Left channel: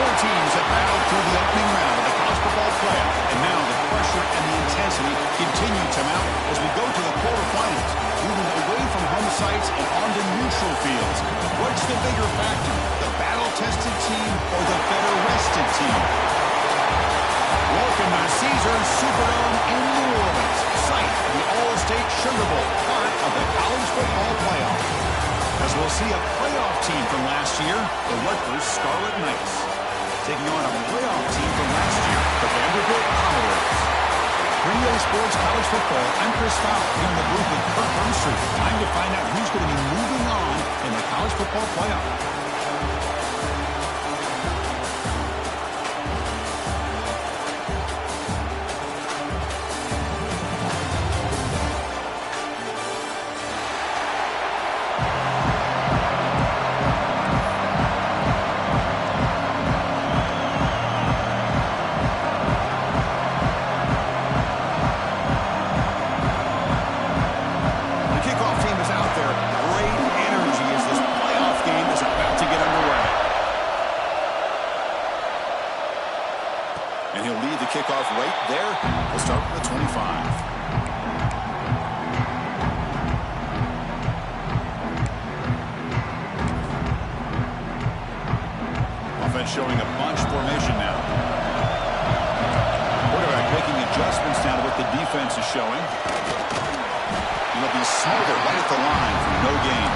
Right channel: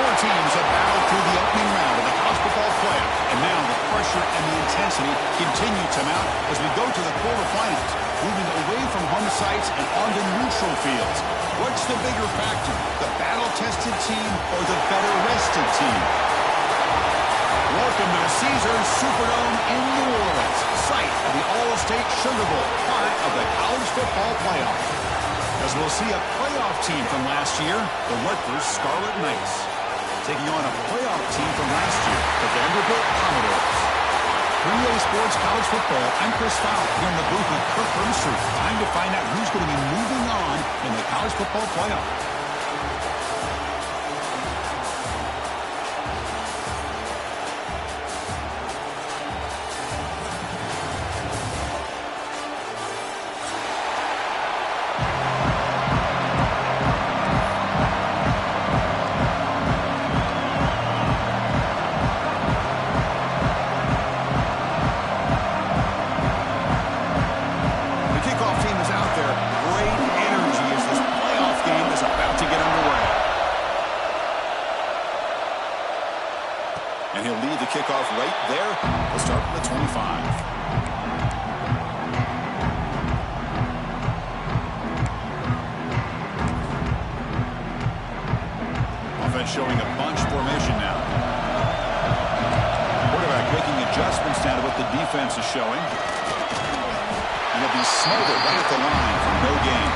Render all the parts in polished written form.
Four teams have battled through the opening round of the college football playoff, and now the pressure and the intensity continue to mount as we go to the quarterfinals, moving away from home sites and onto neutral fields. What's the bigger factor, the battle-tested team or the better-rested team? Welcome to the Caesars Superdome in New Orleans, site of the All-State Sugar Bowl, part of the college football playoff. As we'll see a playoff team from last year, the Rutgers Scarlet Knights, taking on a playoff team from last year, the Vanderbilt Commodores. For EA Sports College Football, I'm Chris Fowler here in the booth with Kurt Burnstreet. Time to find out who's going to be moving on in the college football playoff. And he'll lead the kickoff right there. We'll start from the 25. Offense showing a bunch formation now. Quarterback making adjustments now to what the defense is showing. And he'll be smothered right at the line for no gain.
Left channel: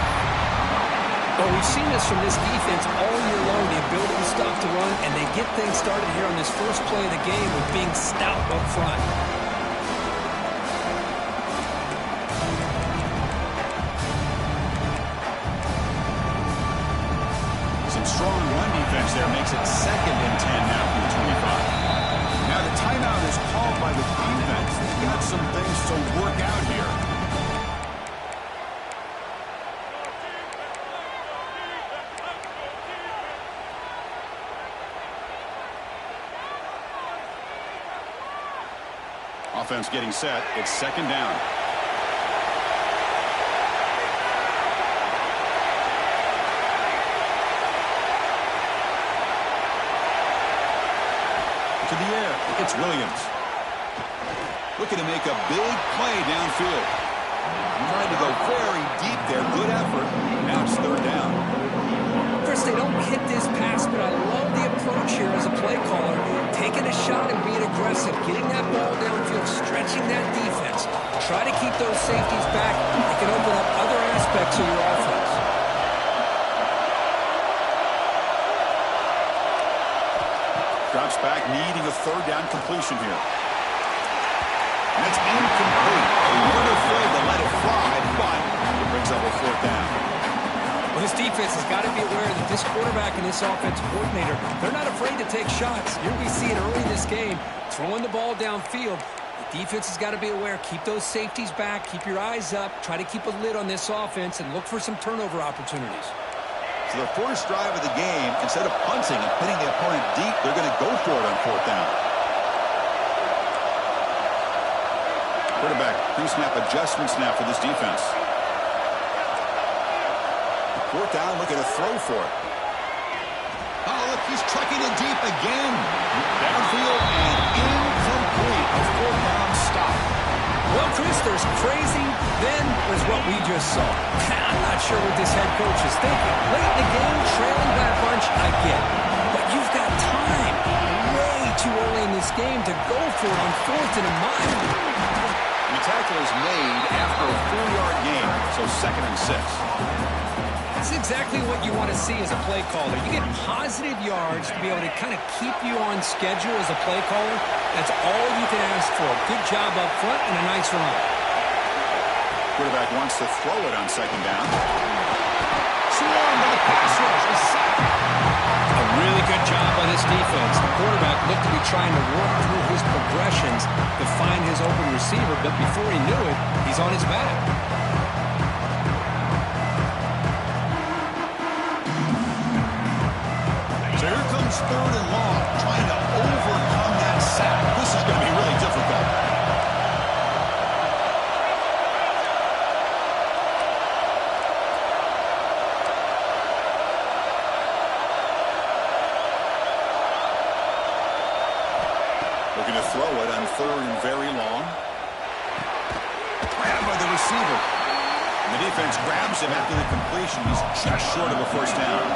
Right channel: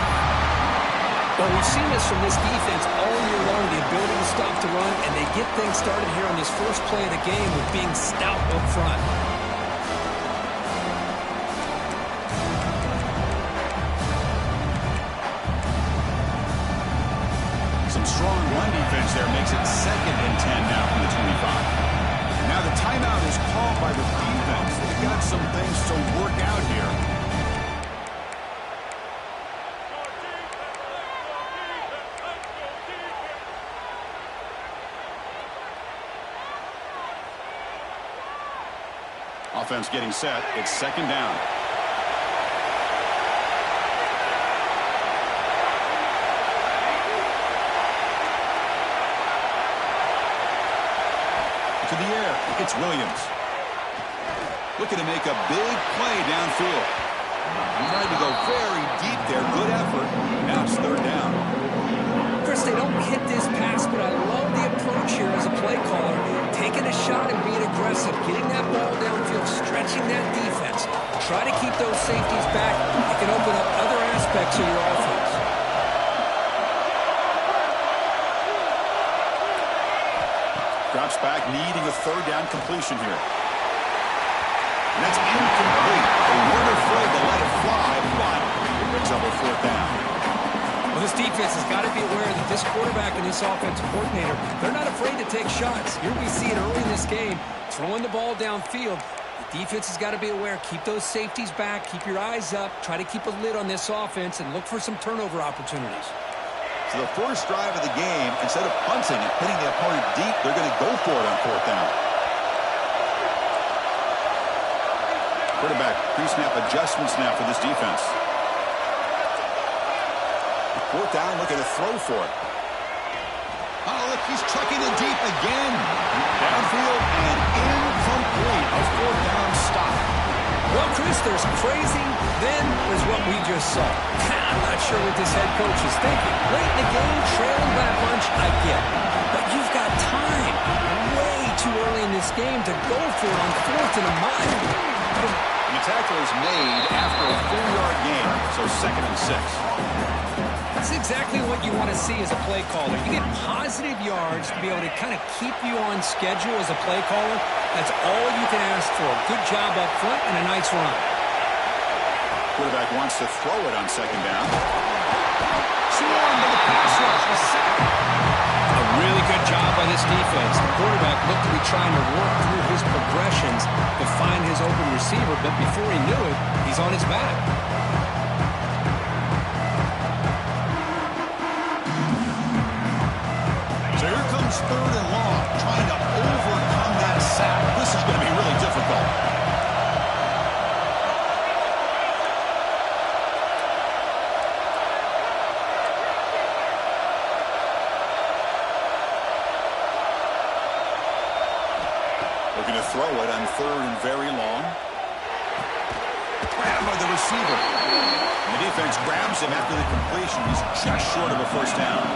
Well, we've seen this from this defense all year long, the ability to stop the run, and they get things started here on this first play of the game with being stout up front. Some strong run defense there makes it 2nd and 10 now from the 25. Now the timeout is called by the defense. They've got some things to work out here. Offense getting set. It's 2nd down. To the air. It's Williams. Looking to make a big play downfield. Trying to go very deep there. Good effort. Now it's 3rd down. Chris, they don't hit this pass, but I love the approach here as a play caller. Taking a shot and being aggressive. Getting that ball downfield. Stretching that defense. Try to keep those safeties back. It can open up other aspects of your offense. Drops back, needing a 3rd down completion here. And that's incomplete. They weren't afraid to let it fly, but it brings up a 4th down. Well, this defense has got to be aware that this quarterback and this offensive coordinator, they're not afraid to take shots. Here we see it early in this game, throwing the ball downfield. The defense has got to be aware. Keep those safeties back. Keep your eyes up. Try to keep a lid on this offense and look for some turnover opportunities. So the first drive of the game, instead of punting and hitting the opponent deep, they're going to go for it on 4th down. Quarterback pre-snap adjustments now for this defense. 4th down, looking to throw for it. Oh, look, he's trucking it deep again. Downfield and incomplete. A 4th down stop. Well, Chris, there's crazy, then there's what we just saw. I'm not sure what this head coach is thinking. Late in the game, trailing by a bunch, I get it. But you've got time, way too early in this game to go for it on 4th and a mile. The tackle is made after a 4-yard gain, so 2nd and 6. That's exactly what you want to see as a play caller. You get positive yards to be able to kind of keep you on schedule as a play caller. That's all you can ask for. Good job up front and a nice run. Quarterback wants to throw it on 2nd down. Swarmed by the pass rush. A sack. A really good job by this defense. The quarterback looked to be trying to work through his progressions to find his open receiver, but before he knew it, he's on his back. So here comes 3rd and long, trying to overcome that sack. This is going to be really difficult. Looking to throw it on third and very long. Grabbed by the receiver. And the defense grabs him after the completion. He's just short of a first down.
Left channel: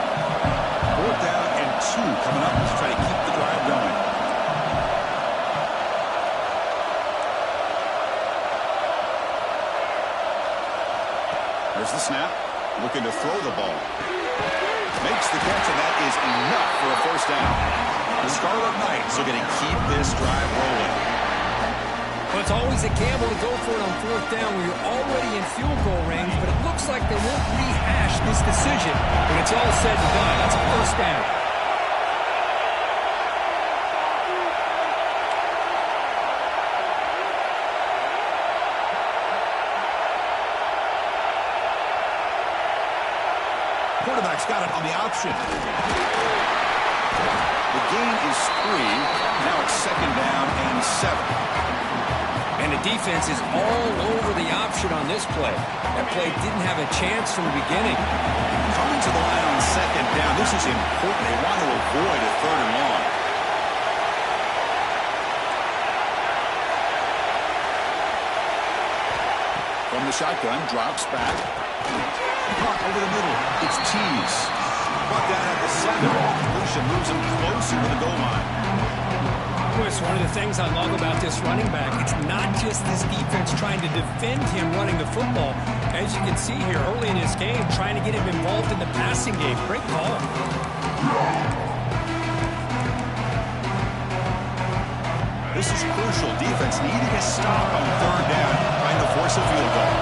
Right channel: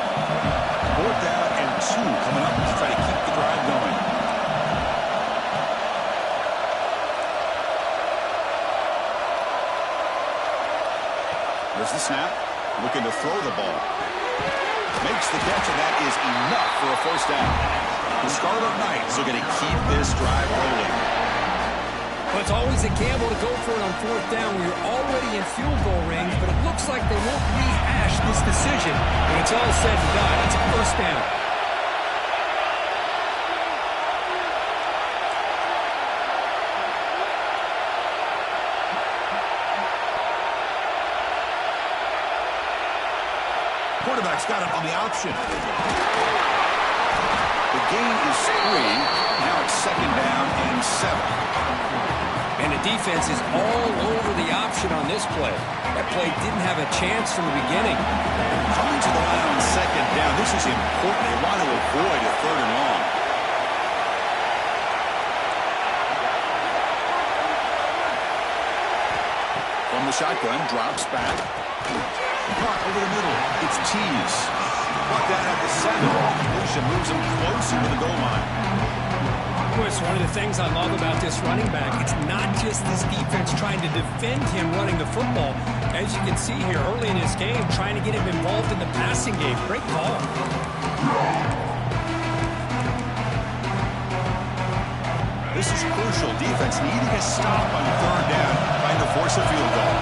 4th down and 2 coming up to try to keep the drive going. There's the snap. Looking to throw the ball. Makes the catch, and that is enough for a first down. The Scarlet Knights are going to keep this drive rolling. Well, it's always a gamble to go for it on 4th down when you're already in field goal range, but it looks like they won't rehash this decision when it's all said and done. That's a first down. Quarterback's got it on the option. The gain is 3. Now it's 2nd down and 7. And the defense is all over the option on this play. That play didn't have a chance from the beginning. Coming to the line on 2nd down. This is important. They want to avoid a 3rd and long. From the shotgun, drops back. Caught over the middle. It's Tease. Brought down at the 7. Completion moves him closer to the goal line. It's one of the things I love about this running back. It's not just this defense trying to defend him running the football. As you can see here early in his game, trying to get him involved in the passing game. Great call. This is crucial. Defense needing a stop on 3rd down, trying to force a field goal.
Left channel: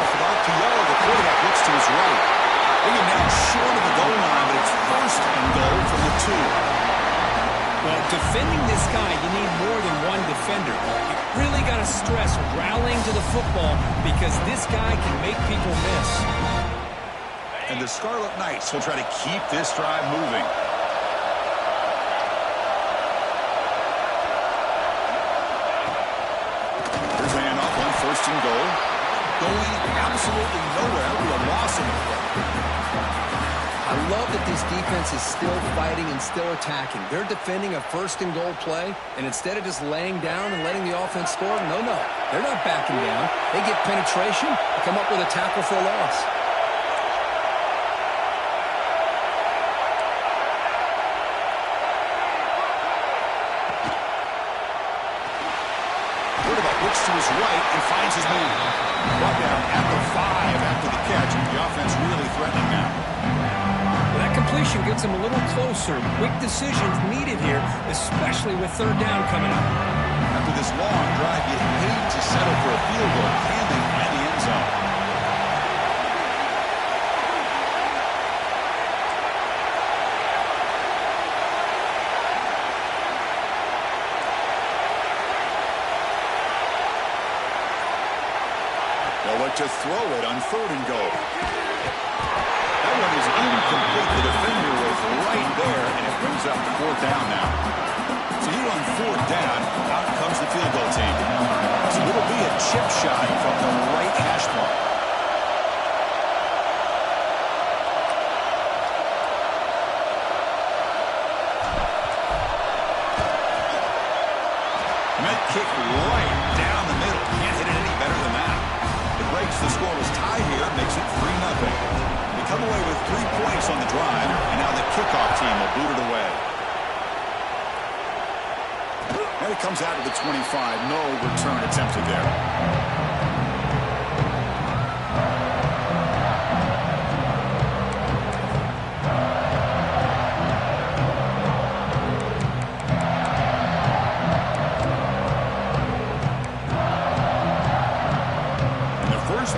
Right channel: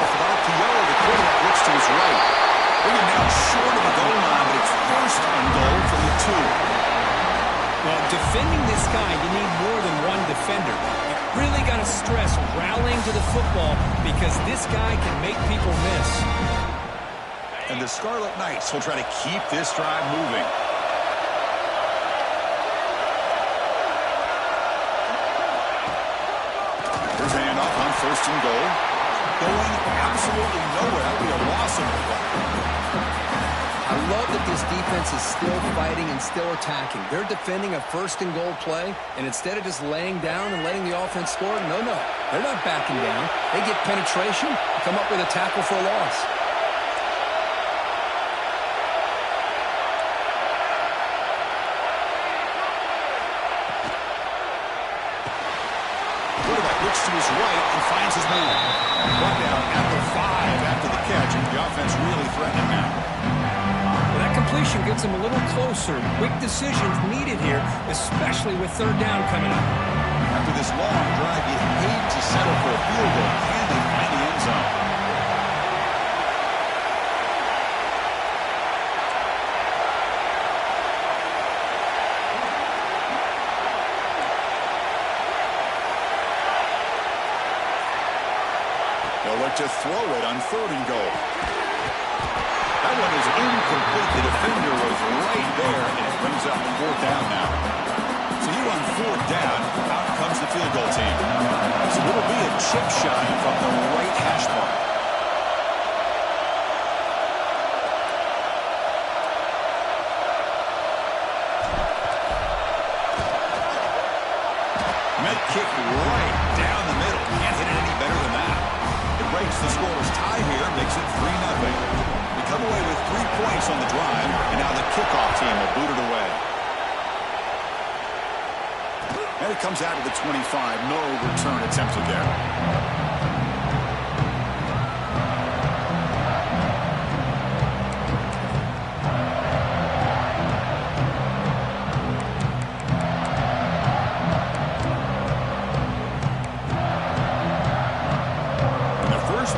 Off an RPO, the quarterback looks to his right. Bring him down short of the goal line, but it's 1st and goal from the 2. Well, defending this guy, you need more than one defender. You really got to stress rallying to the football because this guy can make people miss. And the Scarlet Knights will try to keep this drive moving. Here's a handoff on 1st and goal. Going absolutely nowhere. That would be a loss in the play. I love that this defense is still fighting and still attacking. They're defending a 1st and goal play, and instead of just laying down and letting the offense score, no. They're not backing down. They get penetration and come up with a tackle for a loss. Quarterback looks to his right and finds his man. Brought down at the 5 after the catch. The offense really threatening now. Well, that completion gets them a little closer. Quick decisions needed here, especially with 3rd down coming up. After this long drive, you hate to settle for a field goal. Can they find the end zone? They'll look to throw it on 3rd and goal. That one is incomplete. The defender was right there, and it brings up 4th down now. So here on 4th down, out comes the field goal team. So it'll be a chip shot from the right hash mark. And that kick right down the middle. Can't hit it any better than that. It breaks the scoreless tie here, makes it 3-0. They come away with 3 points on the drive, and now the kickoff team will boot it away. And it comes out to the 25. No return attempted there.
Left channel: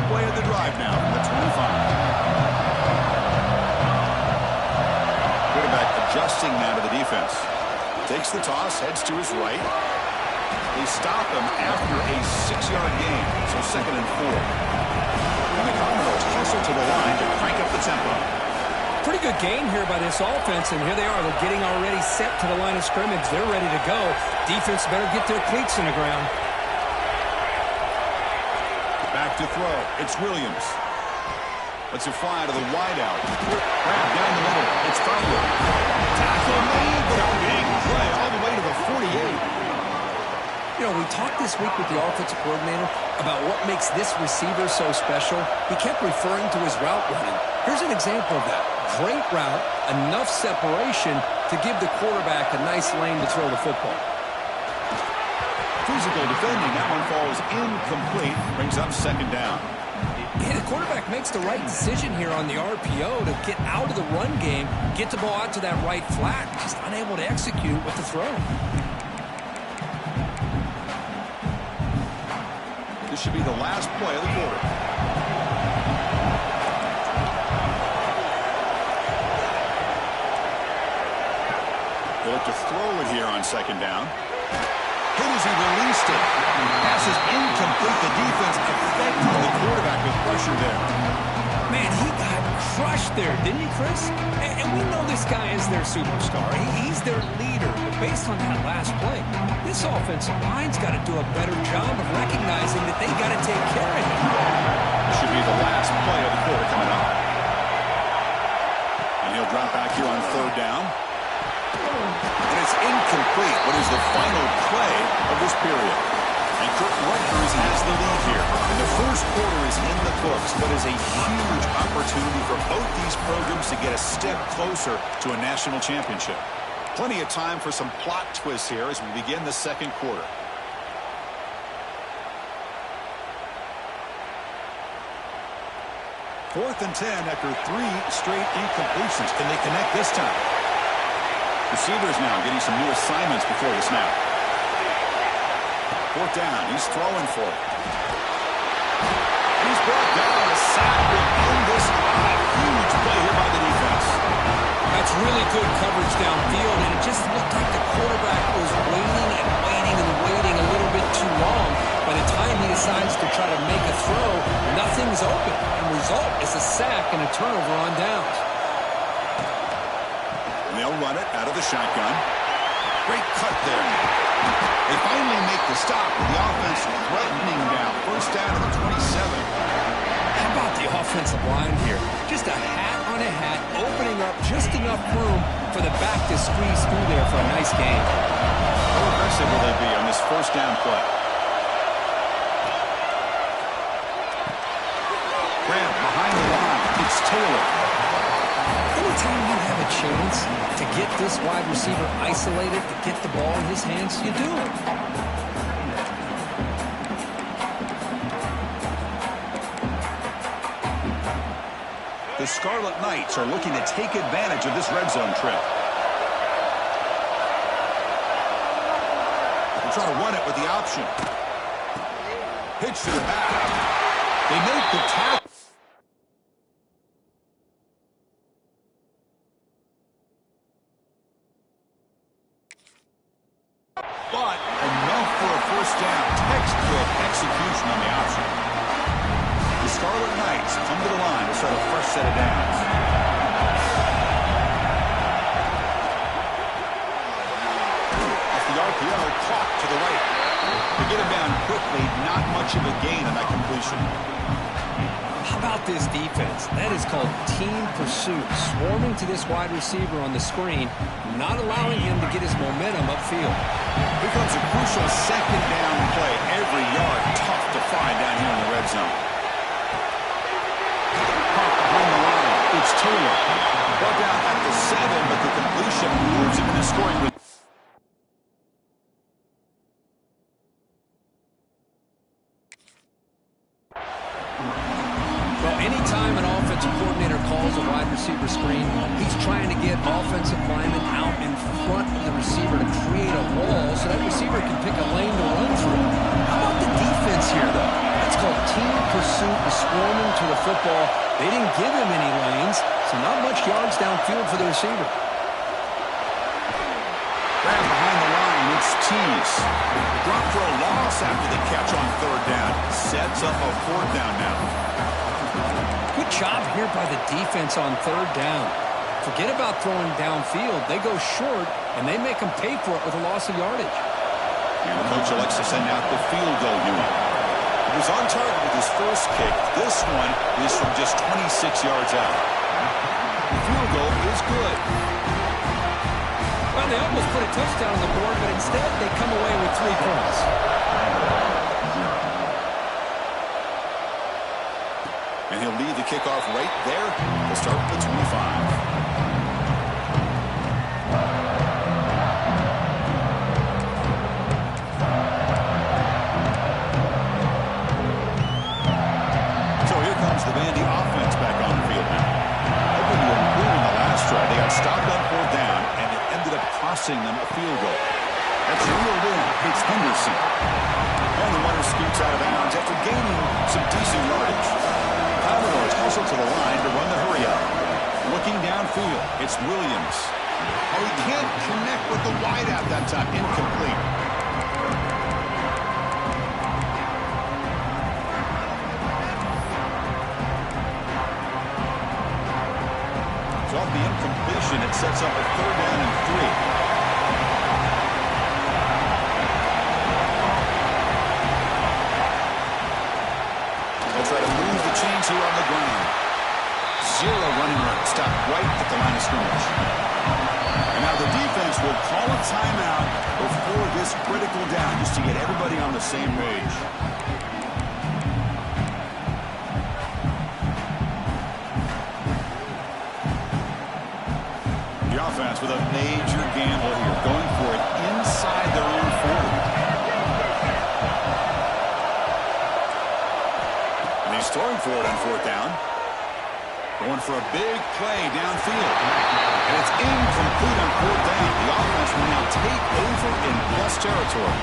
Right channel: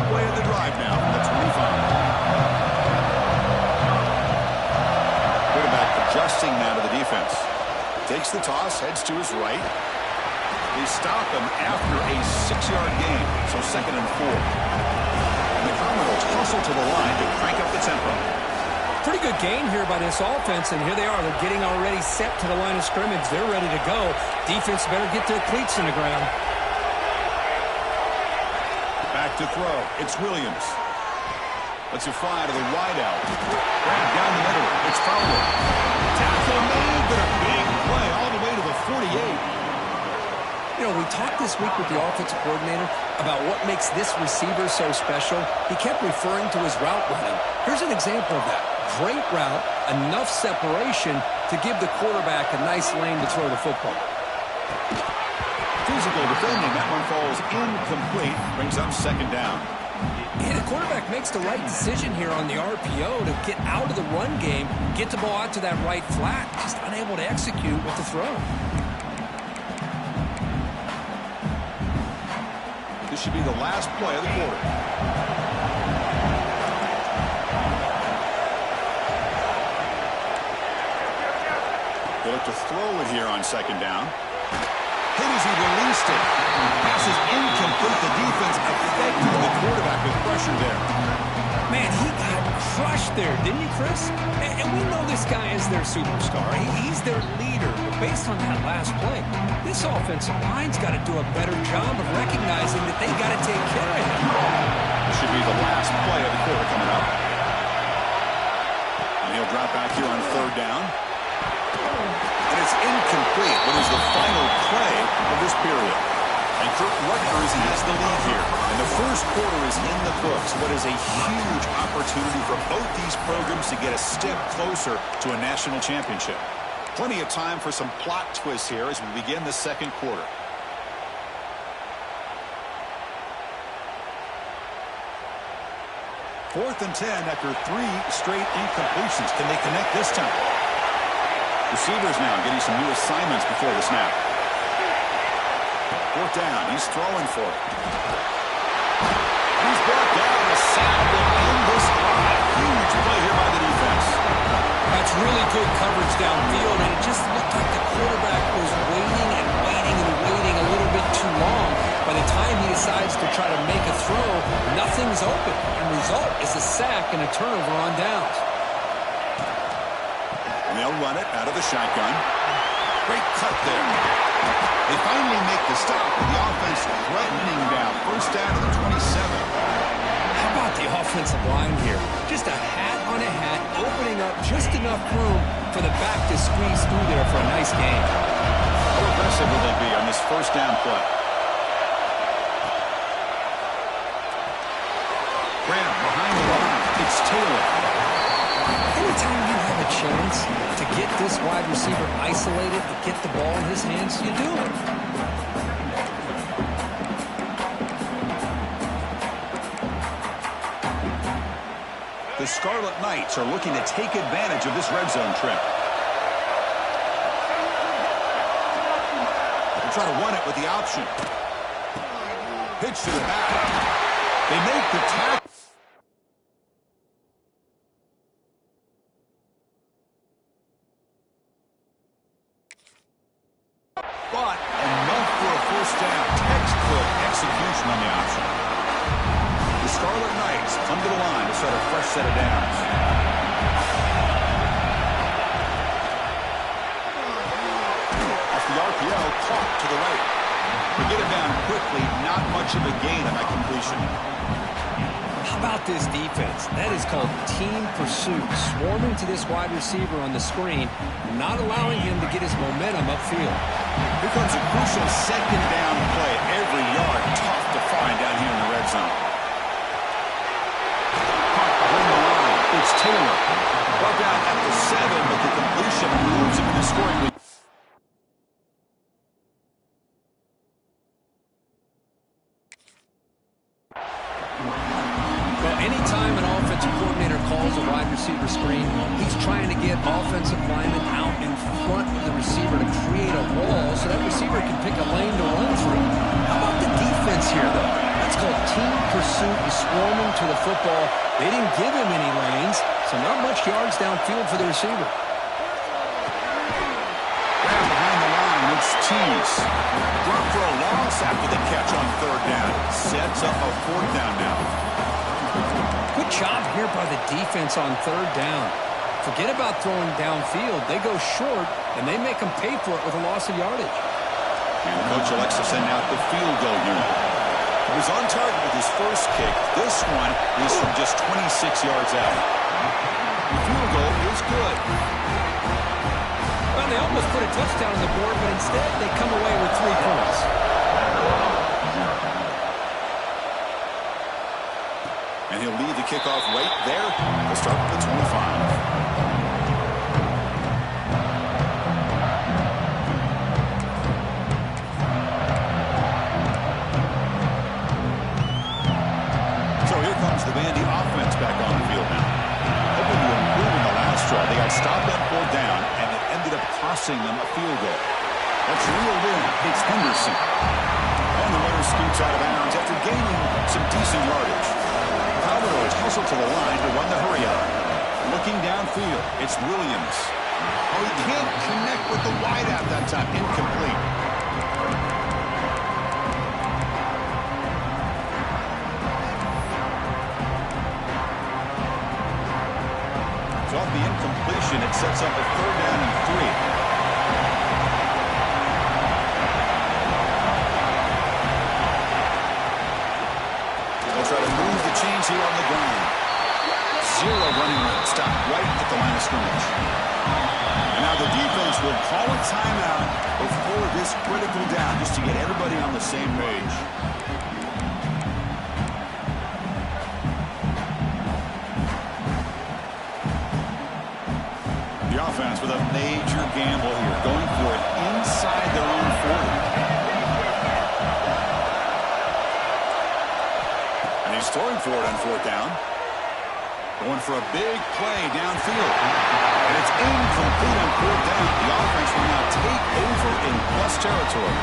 Play of the drive now from the 25. Quarterback adjusting now to the defense. Takes the toss, heads to his right. They stop him after a 6-yard gain, so 2nd and 4. And the Commodores hustle to the line to crank up the tempo. Pretty good gain here by this offense, and here they are. They're getting already set to the line of scrimmage. They're ready to go. Defense better get their cleats in the ground. Back to throw. It's Williams. Lets it fly to the wideout. Grab down the middle. It's Fowler. Tackle made, but a big play all the way to the 48. You know, we talked this week with the offensive coordinator about what makes this receiver so special. He kept referring to his route running. Here's an example of that. Great route, enough separation to give the quarterback a nice lane to throw the football. Physical defending. That one falls incomplete. Brings up second down. And the quarterback makes the right decision here on the RPO to get out of the run game, get the ball out to that right flat, just unable to execute with the throw. This should be the last play of the quarter. He'll look to throw it here on second down. Hit as he released it. Pass is incomplete. The defense affecting the quarterback with pressure there. Man, he got crushed there, didn't he, Chris? And we know this guy is their superstar. He's their leader. But based on that last play, this offensive line's got to do a better job of recognizing that they got to take care of him. This should be the last play of the quarter coming up. And he'll drop back here on third down. And it's incomplete. What is the final play of this period? And Kirk Rutgers has the lead here. And the first quarter is in the books. What is a huge opportunity for both these programs to get a step closer to a national championship. Plenty of time for some plot twists here as we begin the second quarter. Fourth and 10 after 3 straight incompletions. Can they connect this time? Receivers now getting some new assignments before the snap. Fourth down. He's throwing for it. And he's brought down. A sack will end this drive. Huge play here by the defense. That's really good coverage downfield, and it just looked like the quarterback was waiting and waiting and waiting a little bit too long. By the time he decides to try to make a throw, nothing's open. And result is a sack and a turnover on downs. And they'll run it out of the shotgun. Great cut there. They finally make the stop with the offense threatening down. First down to the 27. How about the offensive line here? Just a hat on a hat, opening up just enough room for the back to squeeze through there for a nice gain. How aggressive will they be on this first down play? Graham behind the line. It's Taylor. Anytime you have a chance to get this wide receiver isolated, to get the ball in his hands, you do it. The Scarlet Knights are looking to take advantage of this red zone trip. They'll try to run it with the option. Pitch to the back. They make the tackle. But enough for a first down. Textbook execution on the option. The Scarlet Knights come to the line to start a fresh set of downs. Off the RPO, caught to the right. To get him down quickly, not much of a gain on that completion. How about this defense? That is called team pursuit. Swarming to this wide receiver on the screen, not allowing him to get his momentum upfield. Here comes a crucial second down play. Every yard tough to find down here in the red zone. Caught behind the line. It's Taylor. Brought down at the 7, but the completion moves him into scoring. Well, anytime an offensive coordinator calls a wide receiver screen, he's trying to get offensive linemen out in front of the receiver to create a wall so that receiver can pick a lane to run through. How about the defense here, though? That's called team pursuit and swarming to the football. They didn't give him any lanes, so not much yards downfield for the receiver. Grab behind the line. It's Tease. Drop for a loss after the catch on third down. Sets up a fourth down now. Good job here by the defense on third down. Forget about throwing downfield. They go short, and they make them pay for it with a loss of yardage. And the coach elects to send out the field goal unit. He was on target with his first kick. This one is from just 26 yards out. The field goal is good. Well, they almost put a touchdown on the board, but instead they come away with 3 points. And he'll lead the kickoff right there. We'll start at the 25. The Vandy offense back on the field now. Hoping to improve in the last drive. They got stopped on 4th down, and it ended up costing them a field goal. That's reeled in. It's Henderson. And the runner scoots out of bounds after gaining some decent yardage. Commodores hustle to the line to run the hurry up. Looking downfield, it's Williams. Oh, he can't connect with the wideout that time. Incomplete. Off the incompletion, it sets up a 3rd down and 3. They'll try to move the chains here on the ground. 0 running room, stopped right at the line of scrimmage. And now the defense will call a timeout before this critical down just to get everybody on the same page. Offense with a major gamble here, going for it inside their own 40. And he's throwing for it on 4th down. Going for a big play downfield. And it's incomplete on 4th down. The offense will now take over in plus territory.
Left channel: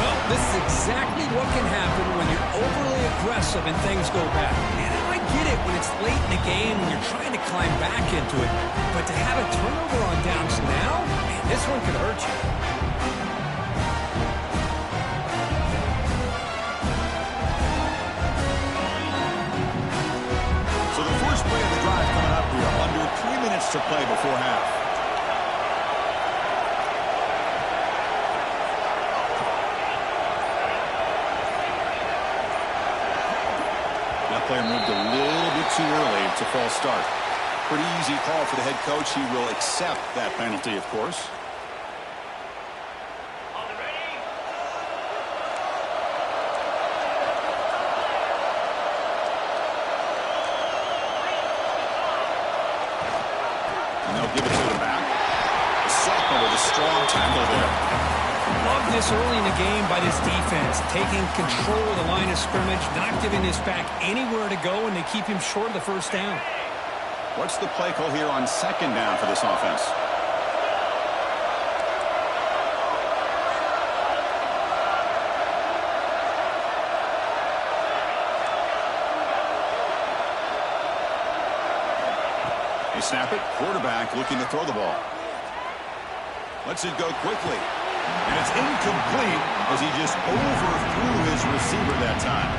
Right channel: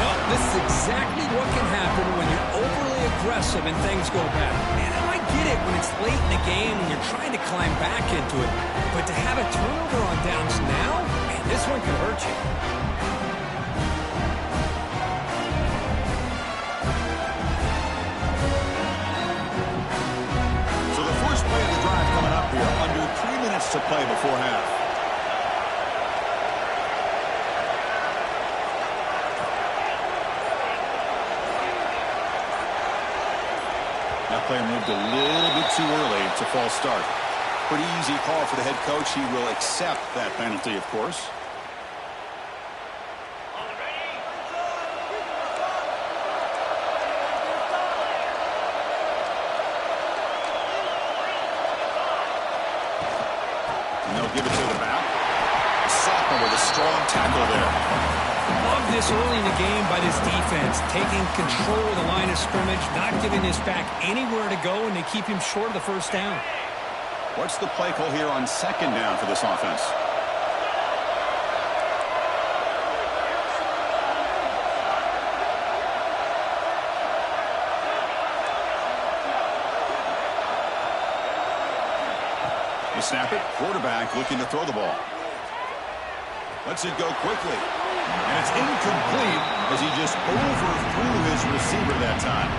Well, this is exactly what can happen when you're overly aggressive and things go bad. And I get it when it's late in the game and you're trying to climb back into it. But to have a turnover on downs now, man, this one could hurt you. So the first play of the drive coming up here, under 3 minutes to play before half. That player moved a little bit too early. It's a false start. Pretty easy call for the head coach. He will accept that penalty, of course. And they'll give it to the back. The sophomore with a strong tackle there. Love this early in the game by this defense, taking control of the line of scrimmage, not giving this back anywhere to go, and they keep him short of the 1st down. What's the play call here on 2nd down for this offense? They snap it. Quarterback looking to throw the ball. Lets it go quickly. And it's incomplete as he just overthrew his receiver that time.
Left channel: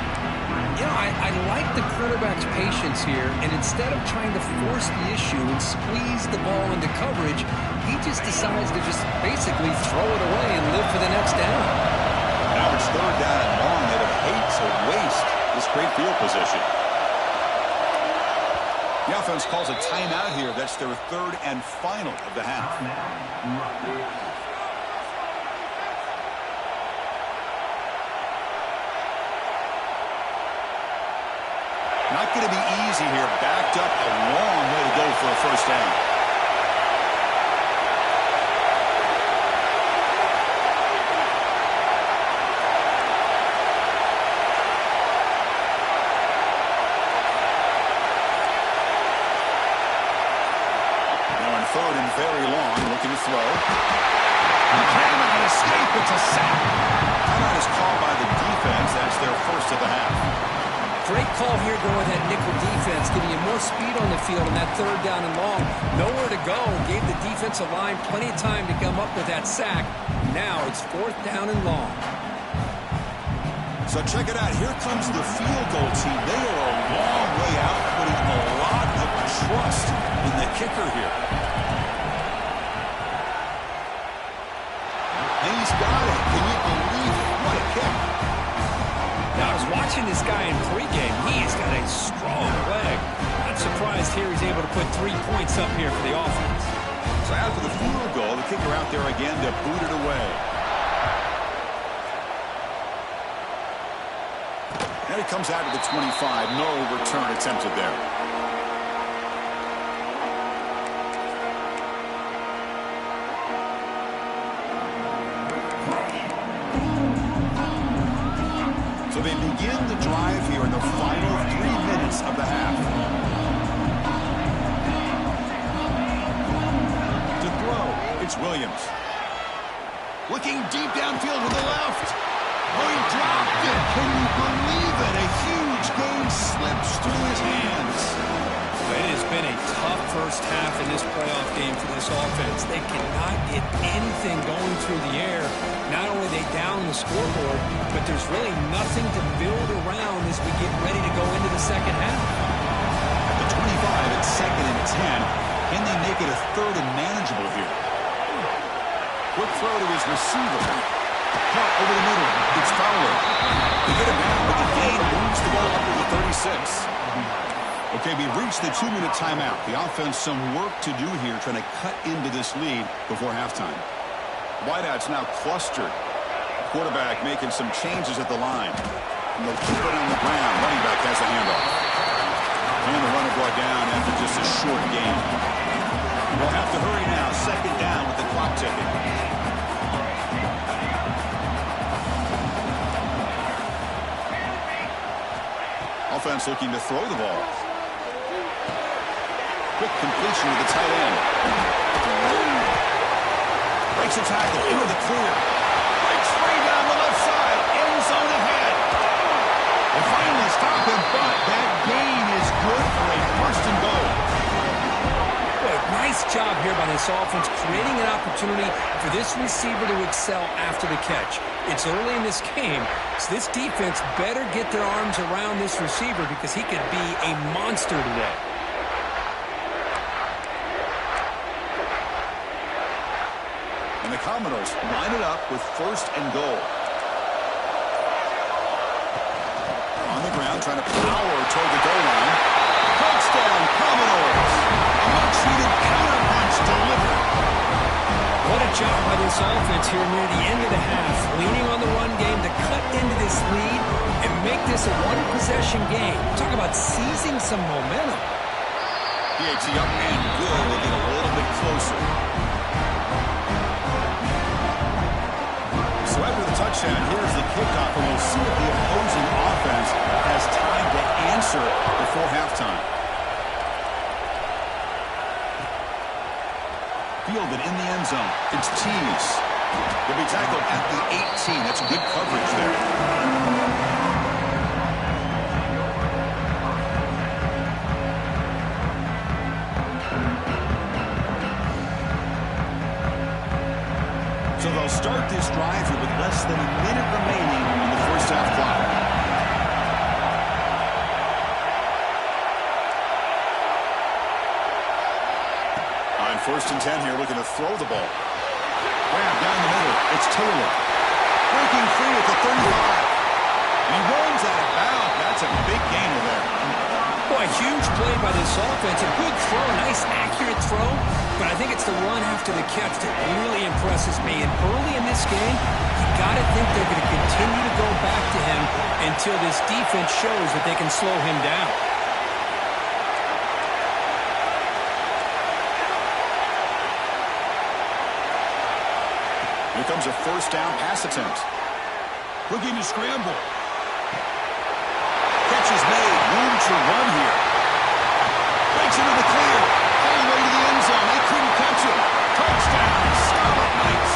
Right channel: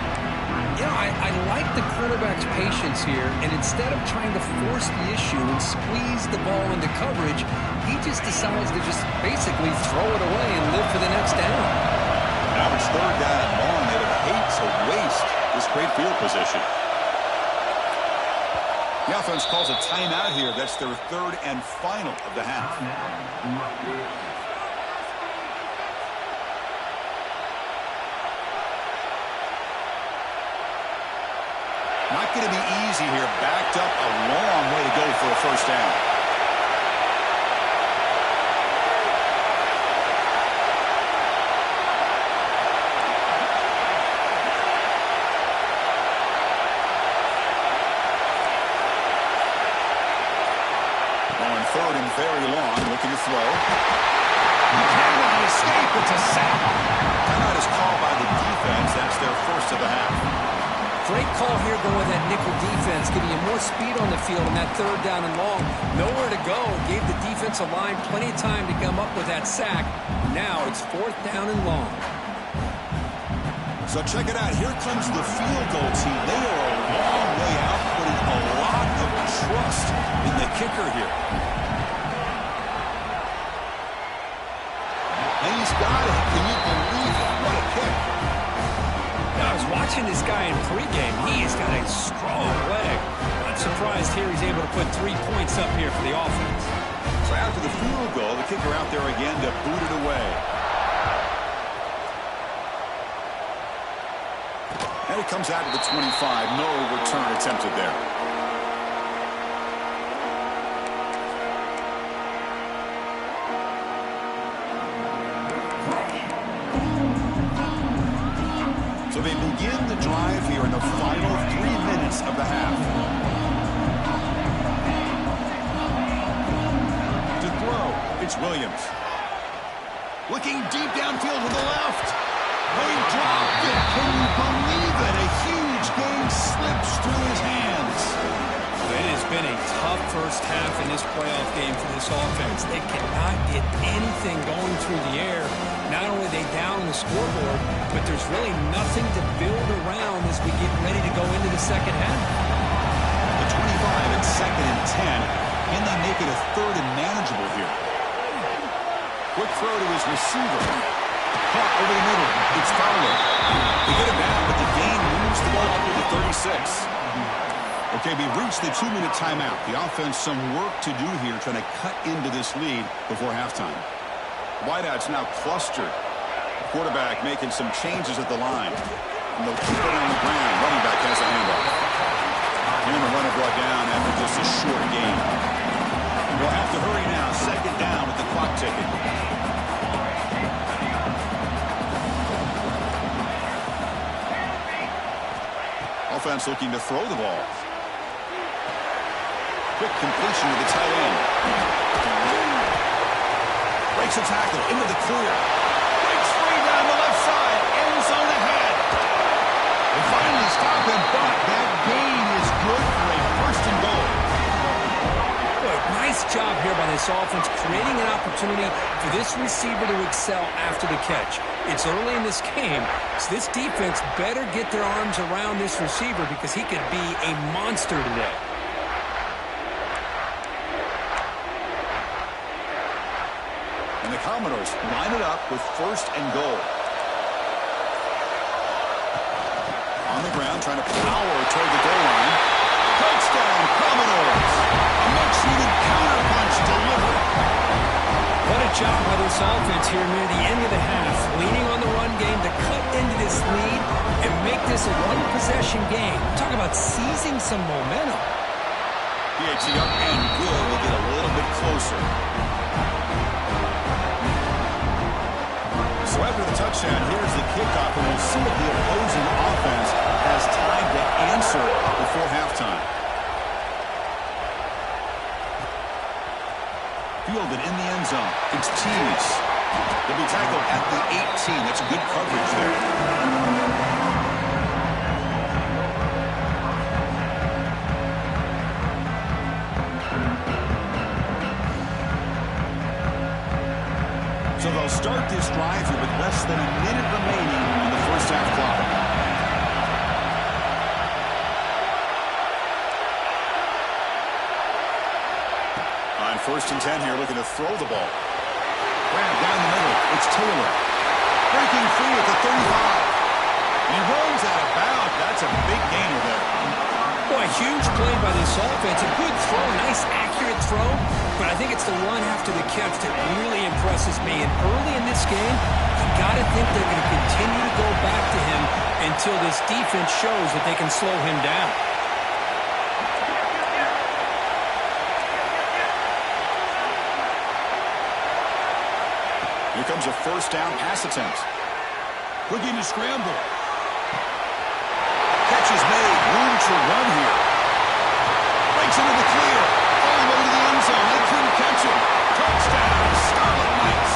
You know, I like the quarterback's patience here, and instead of trying to force the issue and squeeze the ball into coverage, he just decides to just basically throw it away and live for the next down. Now it's 3rd down and long. They would hate to waste this great field position. The offense calls a timeout here. That's their 3rd and final of the half. Not going to be easy here. Backed up a long way to go for a 1st down. Now in 3rd and very long, looking to throw. He cannot escape. It's a sack. Timeout is called by the defense. That's their 1st of the half. Great call here going with that nickel defense, giving you more speed on the field on that 3rd down and long. Nowhere to go. Gave the defensive line plenty of time to come up with that sack. Now it's 4th down and long. So check it out. Here comes the field goal team. They are a long way out, putting a lot of trust in the kicker here. And he's got it. Can you believe it? What a kick. Now, I was watching this guy in pregame. He's got a strong leg. Not surprised here he's able to put 3 points up here for the offense. So after the field goal, the kicker out there again to boot it away. And it comes out to the 25. No return attempted there. So they begin the drive here in the final 3 minutes of the half. To throw, it's Williams. Looking deep downfield to the left. Oh, he dropped it. Can you believe it? A huge game slips through his hands. It has been a tough first half in this playoff game for this offense. They cannot get anything going through the air. Not only are they down the scoreboard, but there's really nothing to build around as we get ready to go into the second half. At the 25, it's 2nd and 10. Can they make it a 3rd and manageable here? Quick throw to his receiver. Caught over the middle. It's Fowler. They get him down, but the gain moves the ball up to the 36. Okay, we've reached the 2-minute timeout. The offense some work to do here trying to cut into this lead before halftime. Wideouts now clustered. The quarterback making some changes at the line. And they'll keep it on the ground. Running back has a handoff. And the runner brought down after just a short gain. They'll have to hurry now. 2nd down with the clock ticking. Offense looking to throw the ball. Quick completion to the tight end. Breaks a tackle into the clear. Breaks free down the left side. End zone ahead. They finally stop him, but that gain is good for a 1st and goal. Good. Nice job here by this offense, creating an opportunity for this receiver to excel after the catch. It's early in this game, so this defense better get their arms around this receiver because he could be a monster today. And the Commodores line it up with 1st and goal. On the ground, trying to power toward the goal line. Touchdown, Commodores. A much-needed counterpunch delivered. What a job by this offense here near the end of the half, leaning on the run game to cut into this lead and make this a one-possession game. Talk about seizing some momentum. PAT up and good. They get a little bit closer. So after the touchdown, here's the kickoff, and we'll see if the opposing offense has time to answer before halftime. Fielded in the end zone. It's Tease. He'll be tackled at the 18. That's good coverage there. So they'll start this drive here with less than a minute remaining on the first half clock. On 1st and 10 here, looking to throw the ball. Grab down the middle. It's Taylor. Breaking free at the 35. And he runs out of bounds. That's a big gainer there. Boy, huge play by this offense. A good throw, nice accurate throw. But I think it's the run after the catch that really impresses me. And early in this game, you got to think they're going to continue to go back to him until this defense shows that they can slow him down. Here comes a 1st down pass attempt. Looking to scramble. Catch is made. Room to run here. Breaks into the clear. All the way to the end zone. They couldn't catch him. Touchdown, Scarlet Knights.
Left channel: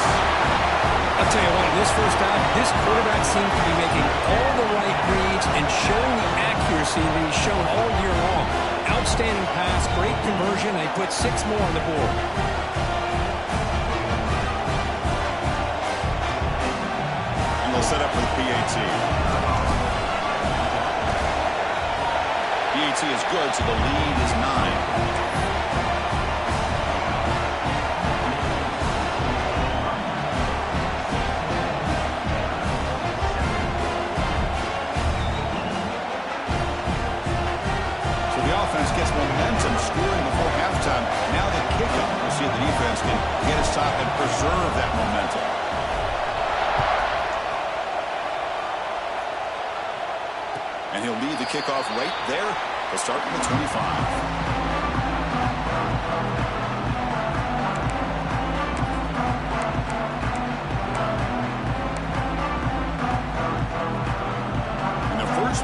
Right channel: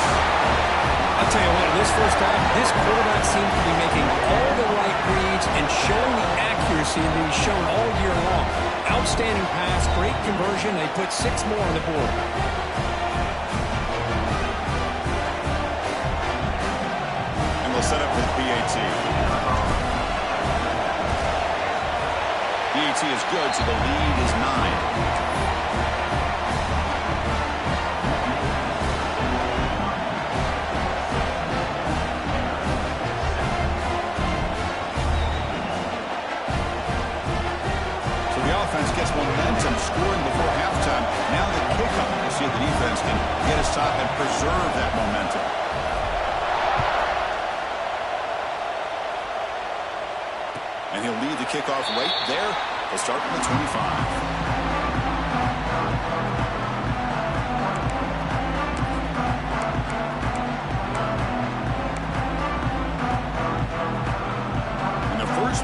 I'll tell you what, in this first half, this quarterback seemed to be making all the right reads and showing the accuracy that he's shown all year long. Outstanding pass, great conversion. They put 6 more on the board. They'll set up with PAT. PAT is good, so the lead is 9. offense gets momentum scoring before halftime. Now the kickoff. We'll see if the defense can get a stop and preserve that momentum. And he'll lead the kickoff right there. He'll start from the 25.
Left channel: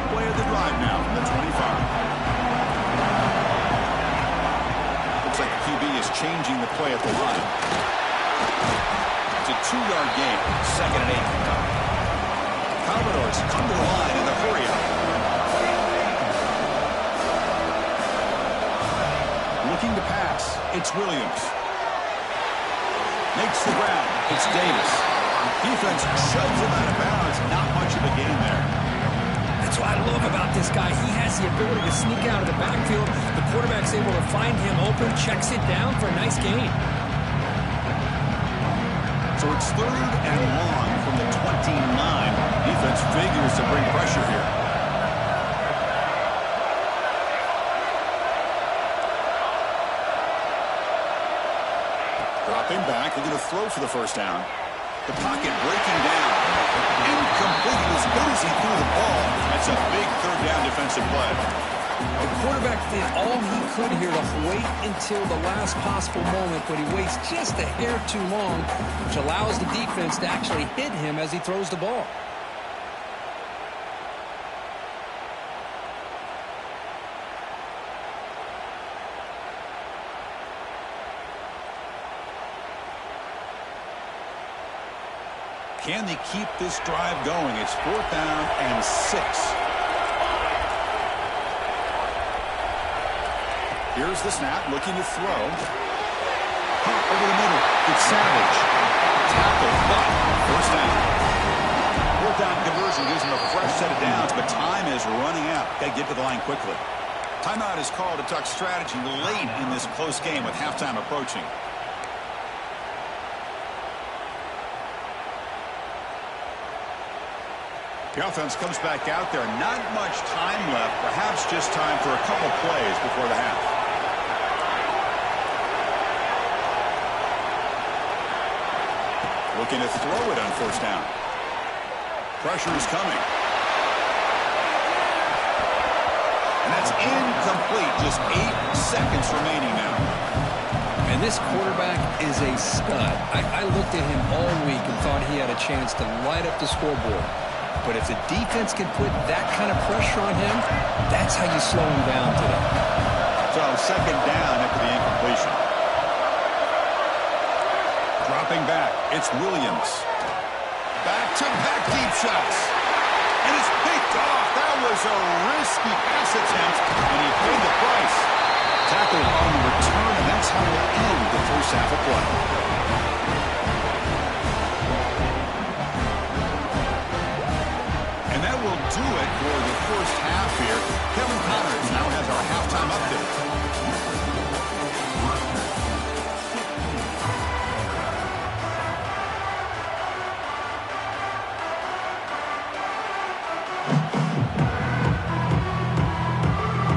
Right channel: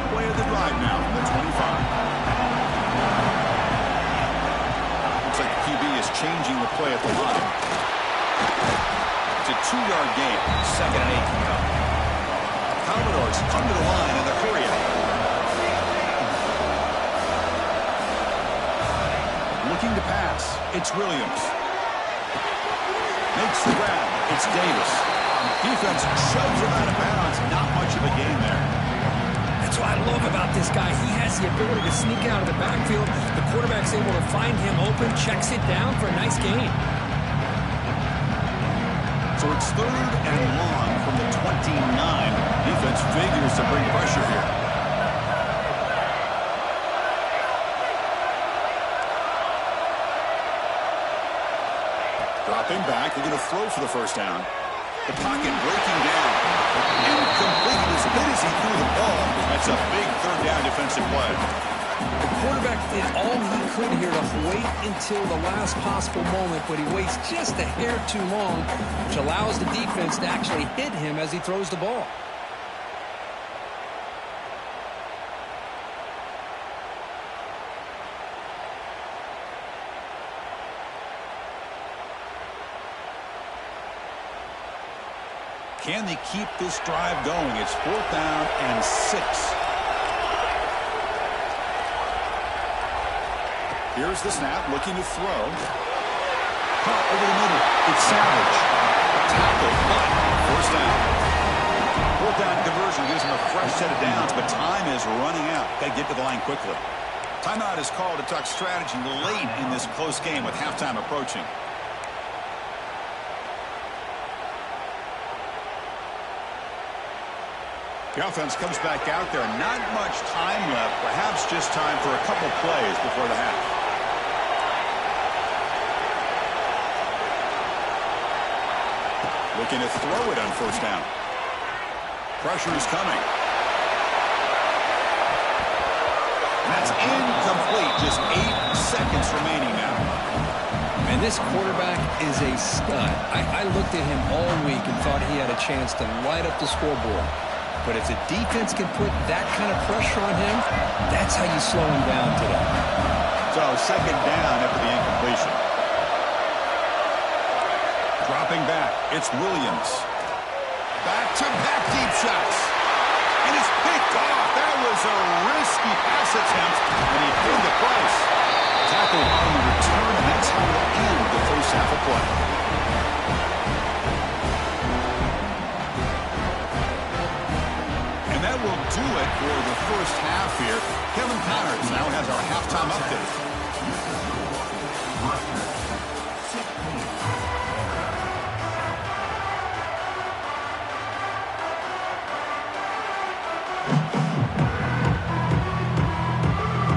Play of the drive now from the 25. Looks like the QB is changing the play at the line. It's a 2-yard gain. 2nd and 8 coming up. Commodores come to the line in the hurry up. Looking to pass. It's Williams. Makes the grab. It's Davis. Defense shoves him out of bounds. Not much of a gain there. That's what I love about this guy. He has the ability to sneak out of the backfield. The quarterback's able to find him open, checks it down for a nice gain. So it's 3rd and long from the 29. Defense figures to bring pressure here. Dropping back, they're going to throw for the first down. The pocket breaking down. Incomplete. As good as he threw the ball. That's a big 3rd down defensive play. The quarterback did all he could here to wait until the last possible moment, but he waits just a hair too long, which allows the defense to actually hit him as he throws the ball. Can they keep this drive going? It's 4th down and 6. Here's the snap, looking to throw. Pop over the middle. It's Savage. Tackle, but 1st down. 4th down conversion gives him a fresh set of downs, but time is running out. Got to get to the line quickly. Timeout is called to talk strategy late in this close game with halftime approaching. The offense comes back out there. Not much time left. Perhaps just time for a couple plays before the half. Looking to throw it on 1st down. Pressure is coming. And that's incomplete. Just 8 seconds remaining now. And this quarterback is a stud. I looked at him all week and thought he had a chance to light up the scoreboard. But if the defense can put that kind of pressure on him, that's how you slow him down today. So 2nd down after the incompletion. Dropping back, it's Williams. Back-to-back deep shots. And it's picked off. That was a risky pass attempt, and he paid the price. Tackle on the return, and that's how we'll end the first half of play. And that will do it for the first half here. Kevin Connors now has our halftime update.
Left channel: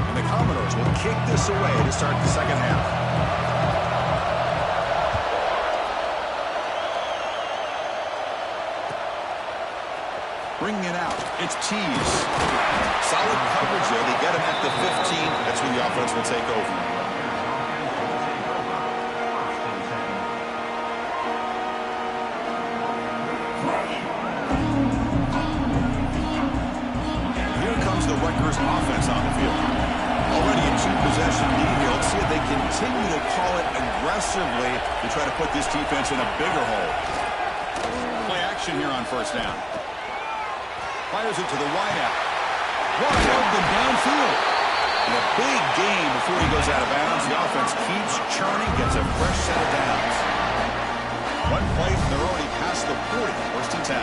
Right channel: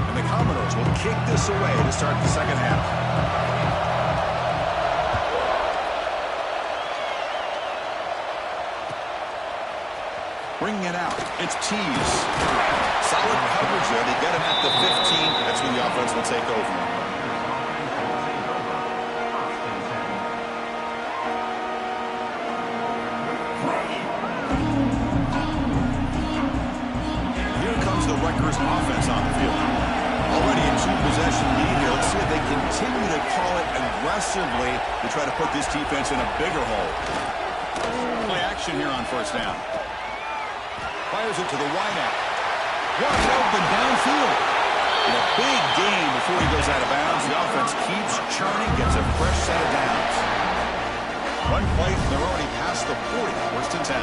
And the Commodores will kick this away to start the second half. Bringing it out. It's Tees. Solid coverage there. They get him at the 15. That's when the offense will take over. Here comes the Rutgers offense on the field. Already a 2-possession lead here. Let's see if they continue to call it aggressively to try to put this defense in a bigger hole. Play action here on first down. Fires it to the wideout. Wide open downfield. And a big gain before he goes out of bounds. The offense keeps churning, gets a fresh set of downs. One play, they're already past the 40. 1st and 10.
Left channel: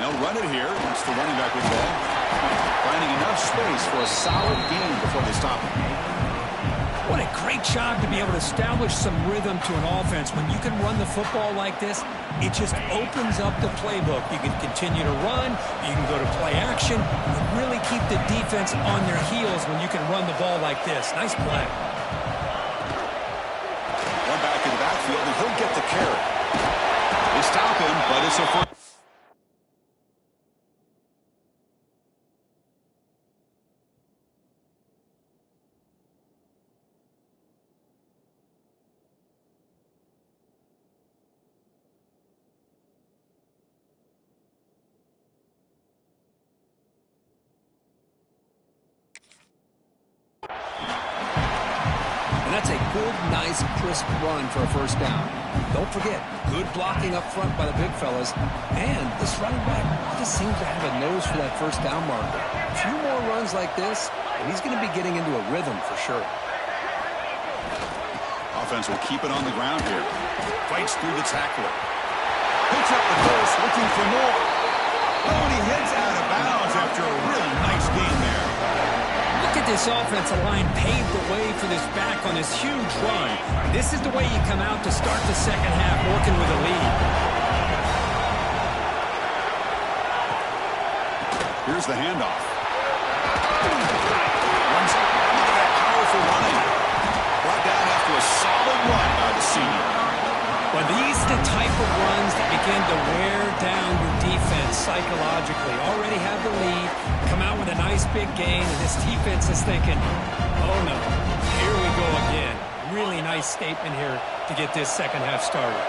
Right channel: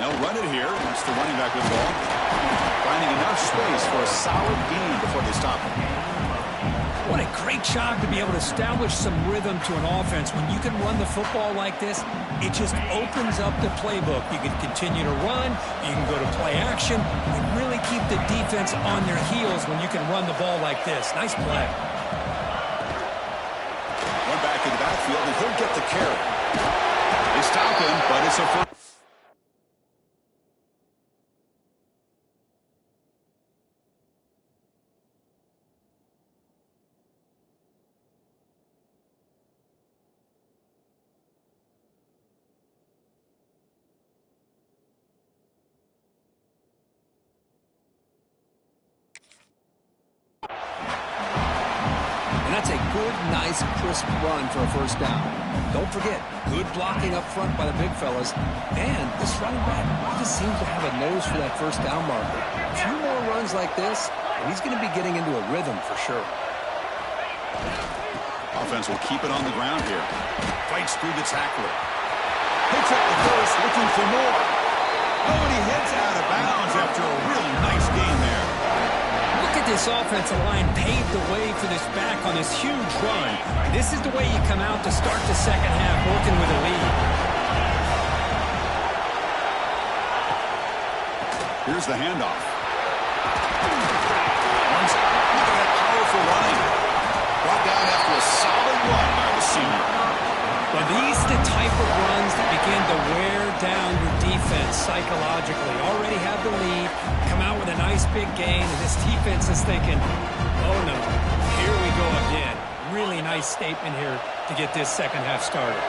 They'll run it here. That's the running back with the ball. Finding enough space for a solid gain before they stop him. What a great job to be able to establish some rhythm to an offense. When you can run the football like this, It just opens up the playbook. You can continue to run. You can go to play action. You really keep the defense on their heels when you can run the ball like this. Nice play. One back in the backfield, and he'll get the carry. They stop him, but it's a first. And that's a good, nice, crisp run for a first down. Don't forget, good blocking up front by the big fellas. And this running back just seems to have a nose for that first down marker. A few more runs like this, and he's going to be getting into a rhythm for sure. Offense will keep it on the ground here. Fights through the tackler. Picks up the first, looking for more. Oh, and he heads out of bounds after a really nice gain there. Look at this offensive line paved the way for this back on this huge run. This is the way you come out to start the second half, working with a lead. Here's the handoff. Look at that powerful running. Brought down after a solid run by the senior. Well, these are the type of runs that begin to wear down your defense psychologically. Already have the lead, come out with a nice big gain, and this defense is thinking, oh no, here we go again. Really nice statement here to get this second half started.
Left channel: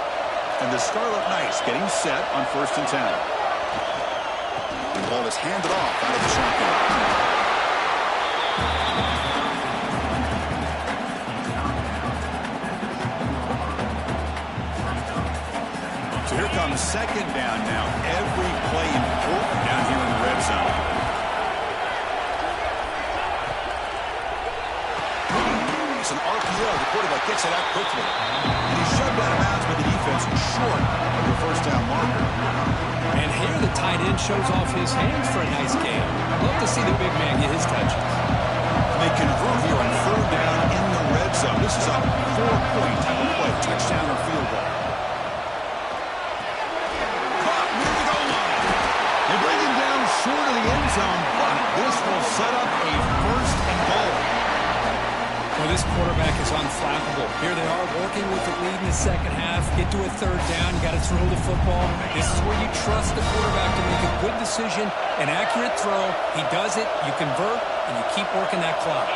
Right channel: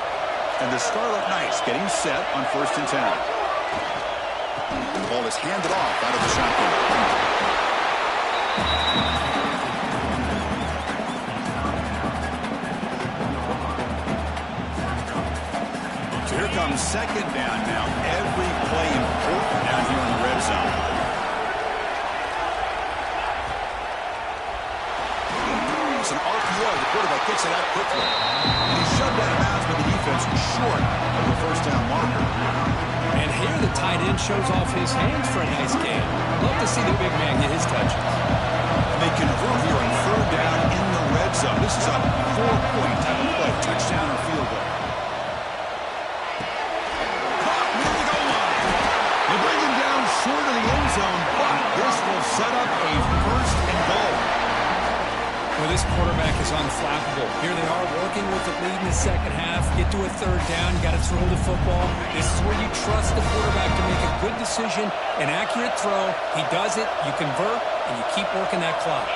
And the Scarlet Knights getting set on 1st and 10. The ball is handed off out of the shotgun. So here comes second down now. Every play important down here in the red zone. It's an RPO. The quarterback gets it out quickly. And he's shoved out of bounds by the defense short of the first down marker. And here the tight end shows off his hands for a nice gain. Love to see the big man get his touches. And they convert here on 3rd down in the red zone. This is a 4-point type of play. Touchdown or field goal. They bring him down short of the end zone, but this will set up a 1st and goal. Well, this quarterback is unflappable. Here they are working with the lead in the second half. Get to a 3rd down. You got to throw the football. This is where you trust the quarterback to make a good decision, an accurate throw. He does it. You convert, and you keep working that clock.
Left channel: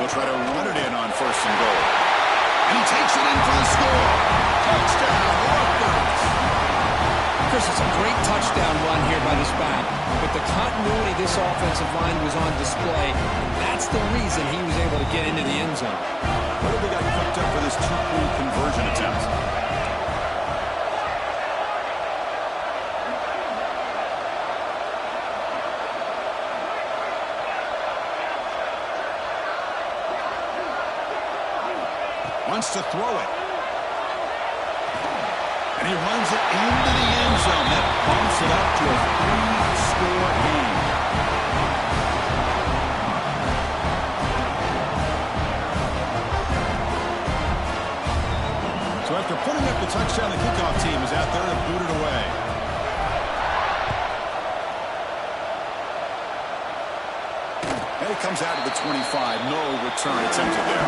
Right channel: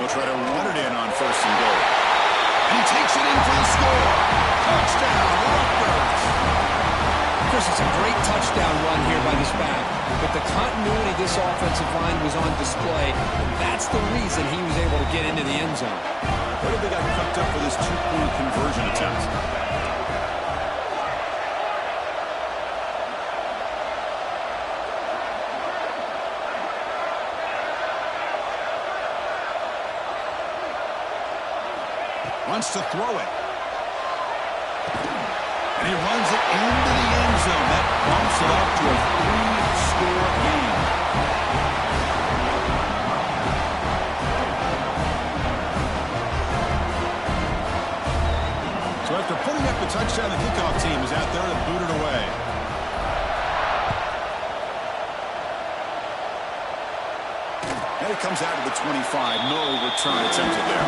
We'll try to run it in on 1st and goal. And he takes it in for the score. Touchdown, Rutgers. Chris, it's a great touchdown run here by this back. But the continuity this offensive line was on display, and that's the reason he was able to get into the end zone. What have they got cooked up for this 2-point conversion attempt? Wants to throw it. And he runs it into the end zone. That bumps it up to a 3-score game. So after putting up the touchdown, the kickoff team is out there to boot it away. And it comes out to the 25. No return attempted there.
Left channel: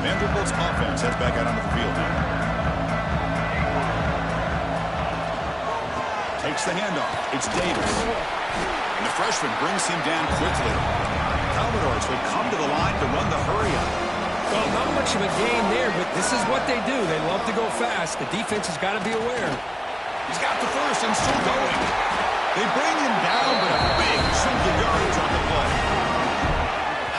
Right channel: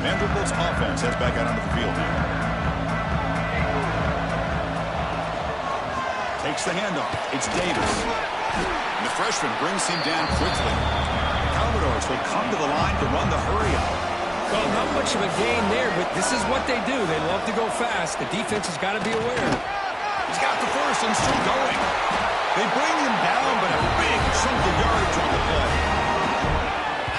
Vanderbilt's offense heads back out onto the field now. Takes the handoff. It's Davis. And the freshman brings him down quickly. The Commodores will come to the line to run the hurry-up. Well, not much of a gain there, but this is what they do. They love to go fast. The defense has got to be aware. He's got the first and still going. They bring him down, but a big chunk of yardage on the play.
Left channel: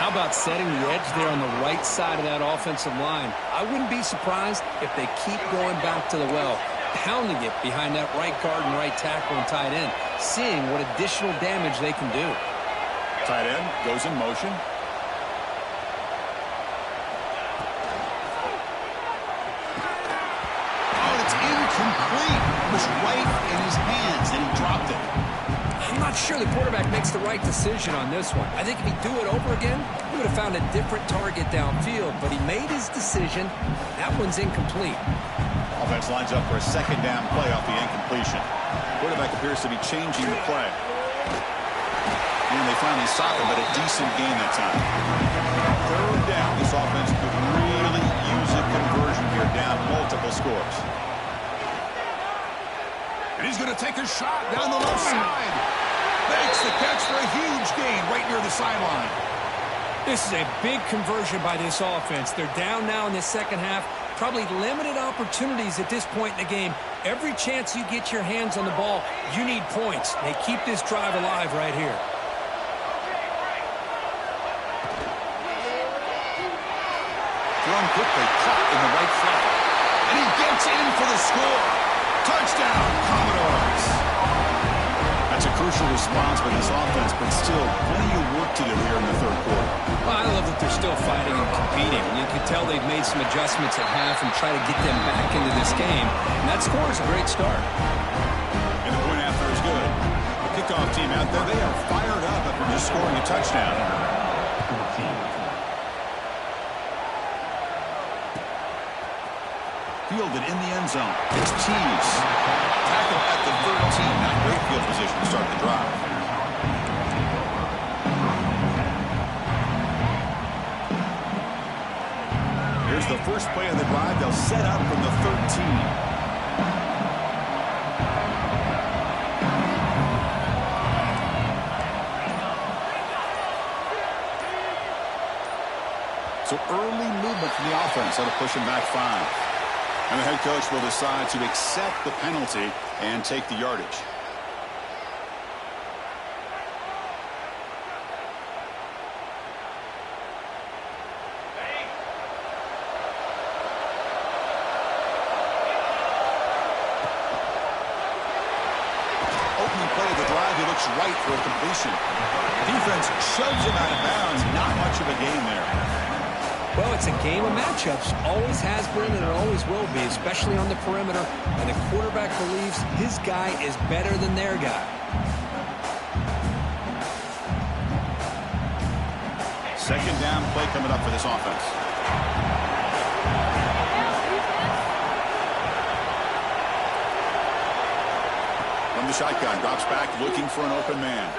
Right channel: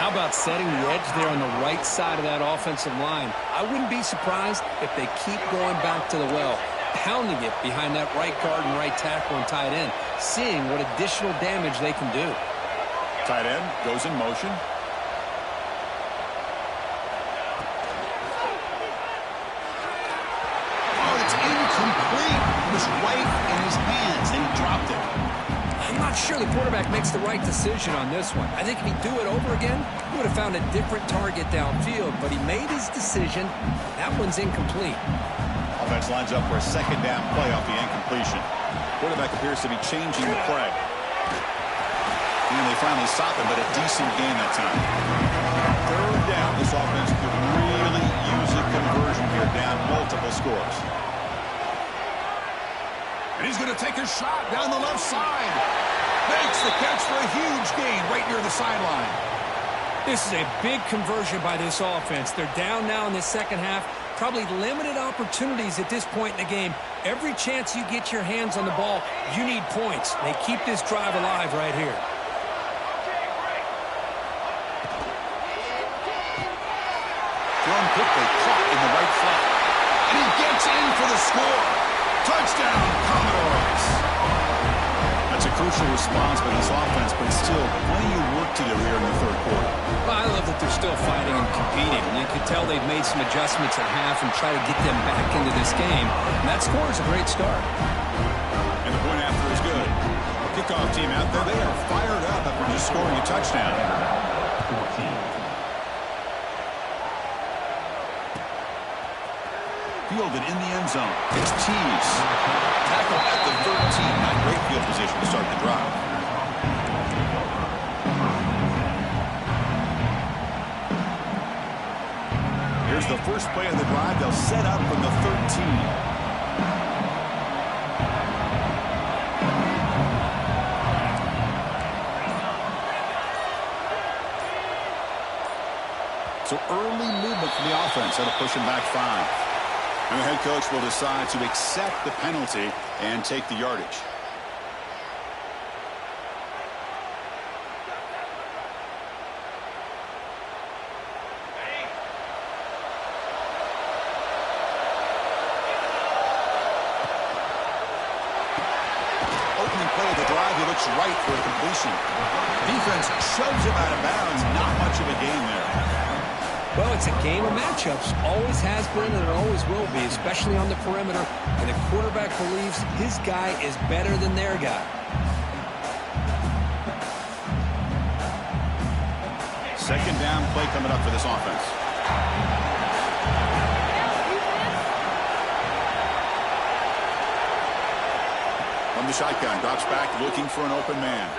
How about setting the edge there on the right side of that offensive line? I wouldn't be surprised if they keep going back to the well, pounding it behind that right guard and right tackle and tight end, seeing what additional damage they can do. Tight end goes in motion. Oh, it's not sure the quarterback makes the right decision on this one. I think if he'd do it over again, he would have found a different target downfield, but he made his decision. That one's incomplete. Offense lines up for a second down play off the incompletion. Quarterback appears to be changing the play. And they finally stop him, but a decent gain that time. Third down. This offense could really use a conversion here, down multiple scores. And he's going to take a shot down the left side. Makes the catch for a huge gain right near the sideline. This is a big conversion by this offense. They're down now in the second half. Probably limited opportunities at this point in the game. Every chance you get your hands on the ball, you need points. They keep this drive alive right here. Thrown quickly, caught in the right flat. And he gets in for the score. Touchdown, Commodores. That's a crucial response by this offense, but still plenty of work to do here in the third quarter. Well, I love that they're still fighting and competing. And you can tell they've made some adjustments at half and try to get them back into this game. And that score is a great start. And the point after is good. The kickoff team out there, they are fired up after just scoring a touchdown. 14. Fielded in the end zone. It's Tees. Tackle at the 13. Not great field position to start the drive. Here's the first play of the drive. They'll set up from the 13. So early movement from the offense. That'll push him back 5. And the head coach will decide to accept the penalty and take the yardage. Opening play of the drive, he looks right for a completion. Defense shoves him out of bounds. Not much of a gain there. Well, it's a game of matchups. Always has been and it always will be, especially on the perimeter. And the quarterback believes his guy is better than their guy. Second down play coming up for this offense. From the shotgun, drops back looking for an open man.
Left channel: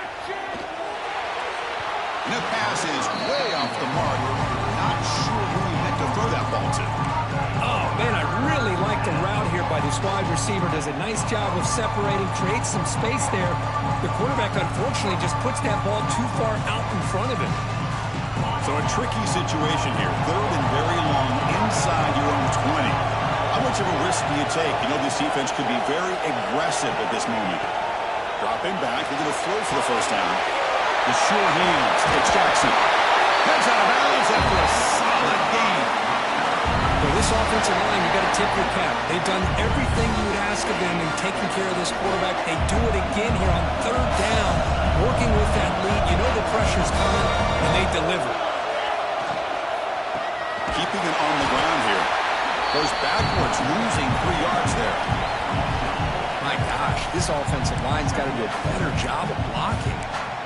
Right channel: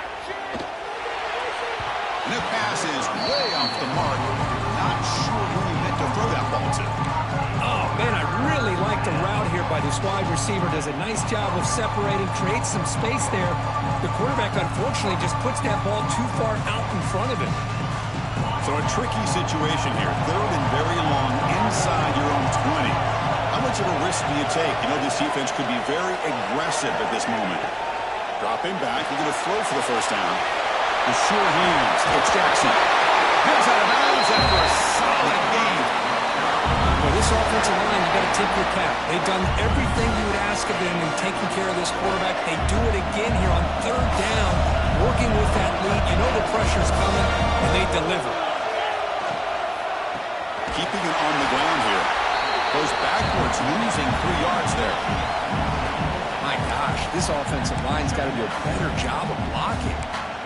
And the pass is way off the mark. Not sure who he meant to throw that ball to. Oh, man, I really like the route here by this wide receiver. Does a nice job of separating, creates some space there. The quarterback, unfortunately, just puts that ball too far out in front of him. So a tricky situation here. Third and very long inside your own 20. How much of a risk do you take? You know this defense could be very aggressive at this moment. Dropping back, looking to throw for the first down. The sure hands takes Jackson. Heads out of bounds after a solid game. For this offensive line, you got to tip your cap. They've done everything you would ask of them in taking care of this quarterback. They do it again here on third down, working with that lead. You know the pressure's coming, and they deliver. Keeping it on the ground here. Goes backwards, losing 3 yards there. My gosh, this offensive line's got to do a better job of blocking.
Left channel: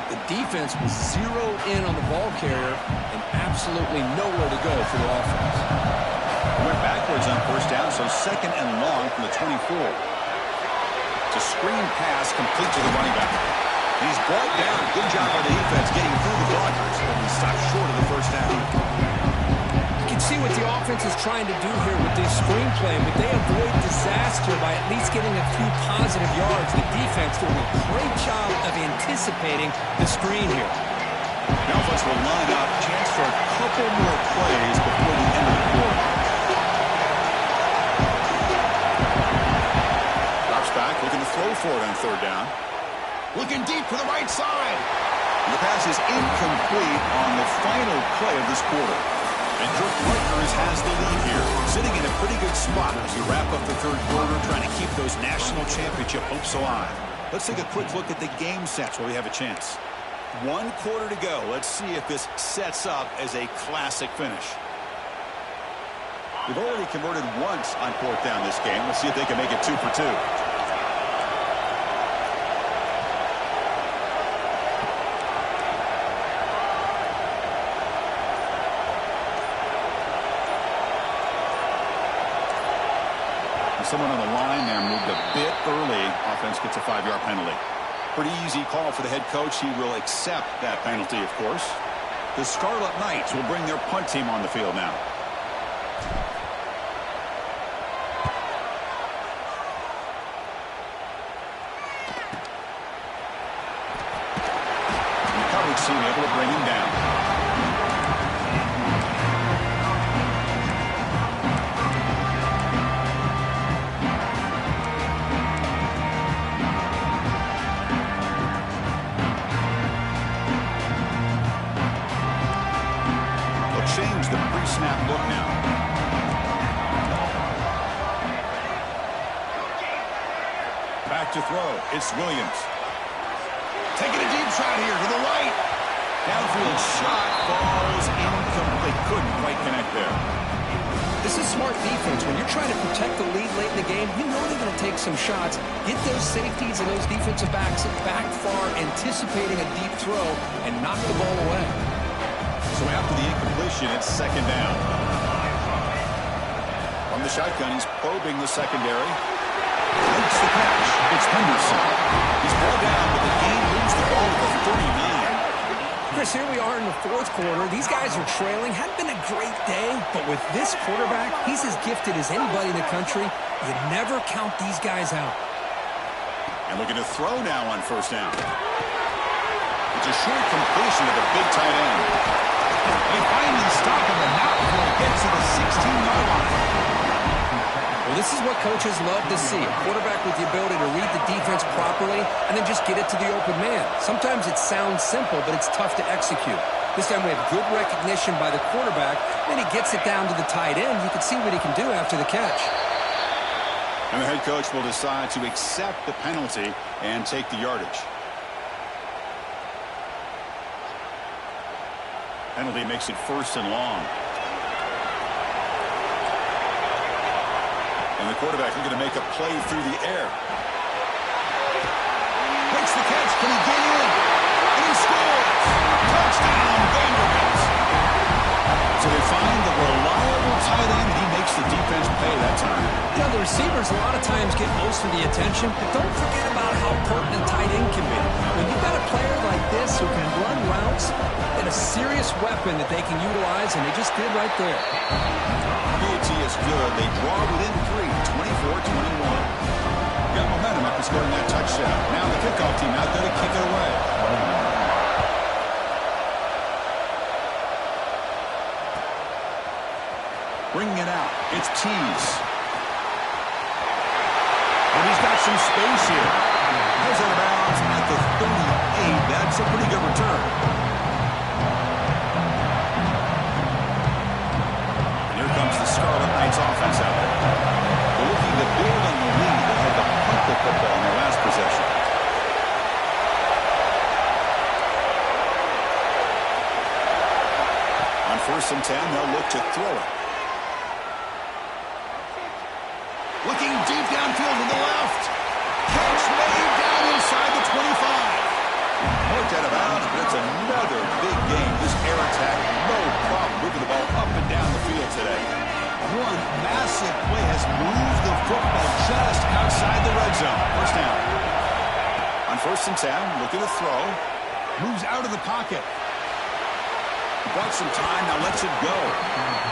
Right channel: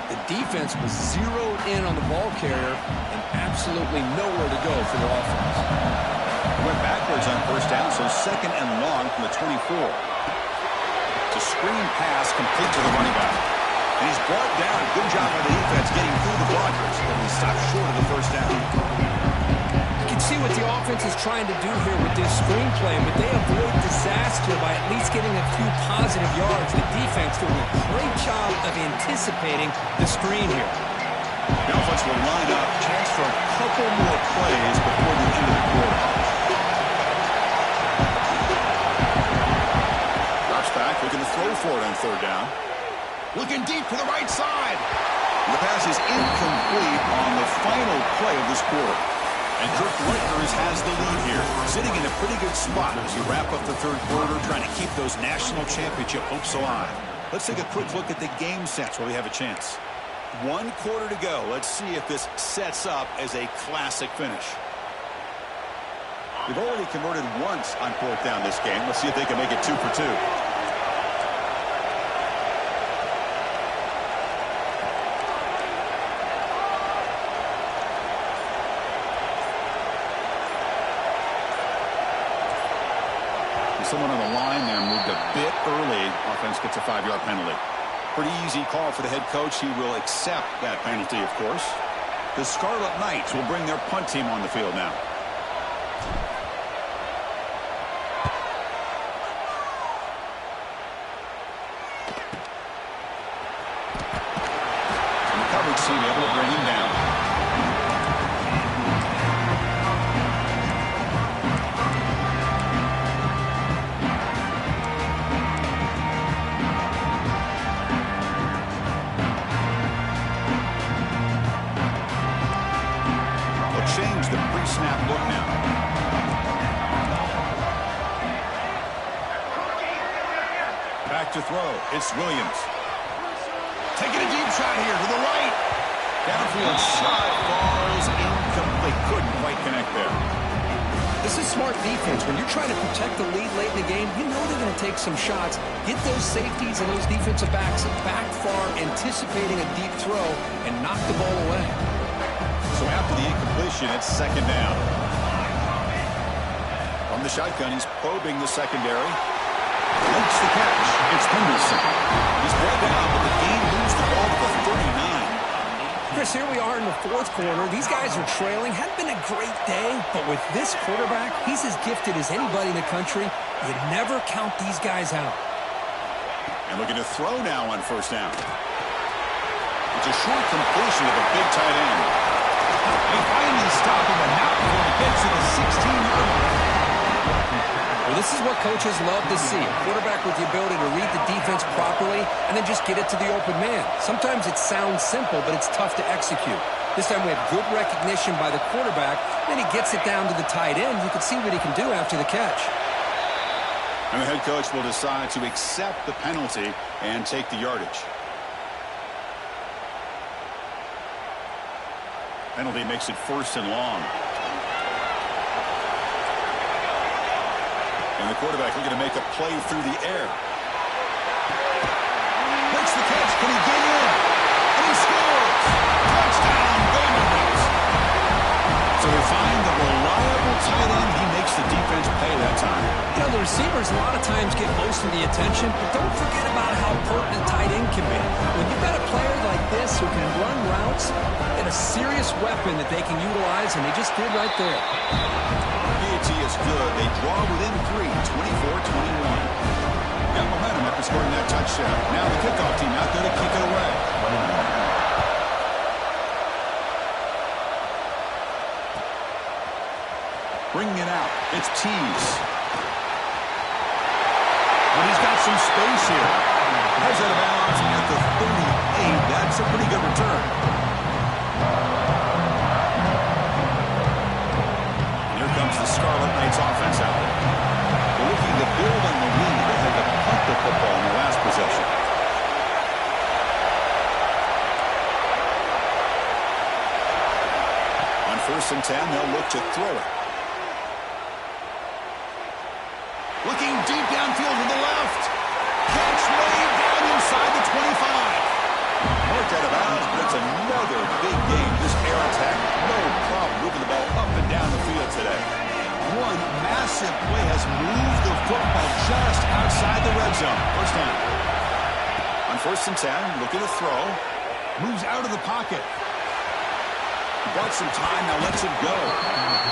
The defense was zeroed in on the ball carrier and absolutely nowhere to go for the offense. Went backwards on first down, so second and long from the 24. It's a screen pass complete to the running back. And he's brought down. Good job by the defense getting through the blockers, but he stopped short of the first down. You can see what the offense is trying to do here with this screenplay, but they avoid disaster by at least getting a few positive yards. The defense doing a great job of anticipating the screen here. The offense will line up, chance for a couple more plays before the end of the quarter. Drops back, looking to throw for it on third down. Looking deep to the right side. The pass is incomplete on the final play of this quarter. And Kirk Rutgers has the lead here, sitting in a pretty good spot as we wrap up the third quarter, trying to keep those national championship hopes alive. Let's take a quick look at the game sets while we have a chance. 1 quarter to go. Let's see if this sets up as a classic finish. They've already converted once on fourth down this game. Let's see if they can make it 2 for 2. Someone on the line there moved a bit early. Offense gets a 5-yard penalty. Pretty easy call for the head coach. He will accept that penalty, of course. The Scarlet Knights will bring their punt team on the field now. And the coverage team able to bring him down. Change the pre-snap look now. Back to throw. It's Williams. Taking a deep shot here to the right. Downfield shot falls incomplete. Couldn't quite connect there. This is smart defense. When you're trying to protect the lead late in the game, you know they're going to take some shots. Get those safeties and those defensive backs back far, anticipating a deep throw, and knock the ball away. So after the incompletion, it's second down. From the shotgun, he's probing the secondary. Makes the catch. It's Henderson. He's brought down, but the game moves the ball to the 39. Chris, here we are in the fourth quarter. These guys are trailing. Hadn't been a great day, but with this quarterback, he's as gifted as anybody in the country. You never count these guys out. And looking to throw now on first down. It's a short completion to the big tight end. They finally stop him, but not before he gets to the 16-yard line. Well, this is what coaches love to see. A quarterback with the ability to read the defense properly and then just get it to the open man. Sometimes it sounds simple, but it's tough to execute. This time we have good recognition by the quarterback. Then he gets it down to the tight end. You can see what he can do after the catch. And the head coach will decide to accept the penalty and take the yardage. Penalty makes it first and long. And the quarterback looking to make a play through the air. Makes the catch. Can he get in? And he scores. Touchdown, Vanderbilt. So they find the reliable tight end. He makes the defense pay that time. You know, the receivers a lot of times get most of the attention, but don't forget about how potent a tight end can be. When you've got a player like this who can run routes, and a serious weapon that they can utilize, and they just did right there. PAT is good. They draw within 3, 24-21. Got momentum after scoring that touchdown. Now the kickoff team out there to kick it away. Bringing it out. It's Tease. And he's got some space here. Has out of bounds at the 38. That's a pretty good return. Comes the Scarlet Knights offense out there. They're looking to build on the lead. They had to punt the football in their last possession. On first and 10, they'll look to throw it. Looking deep downfield to the left. Catch made down inside the 25. Marked out of bounds, but it's another big game. This air attack, no problem moving the ball up and down the field today. One massive play has moved the football just outside the red zone. First down. On first and 10, looking to throw. Moves out of the pocket. He bought some time, now lets it go.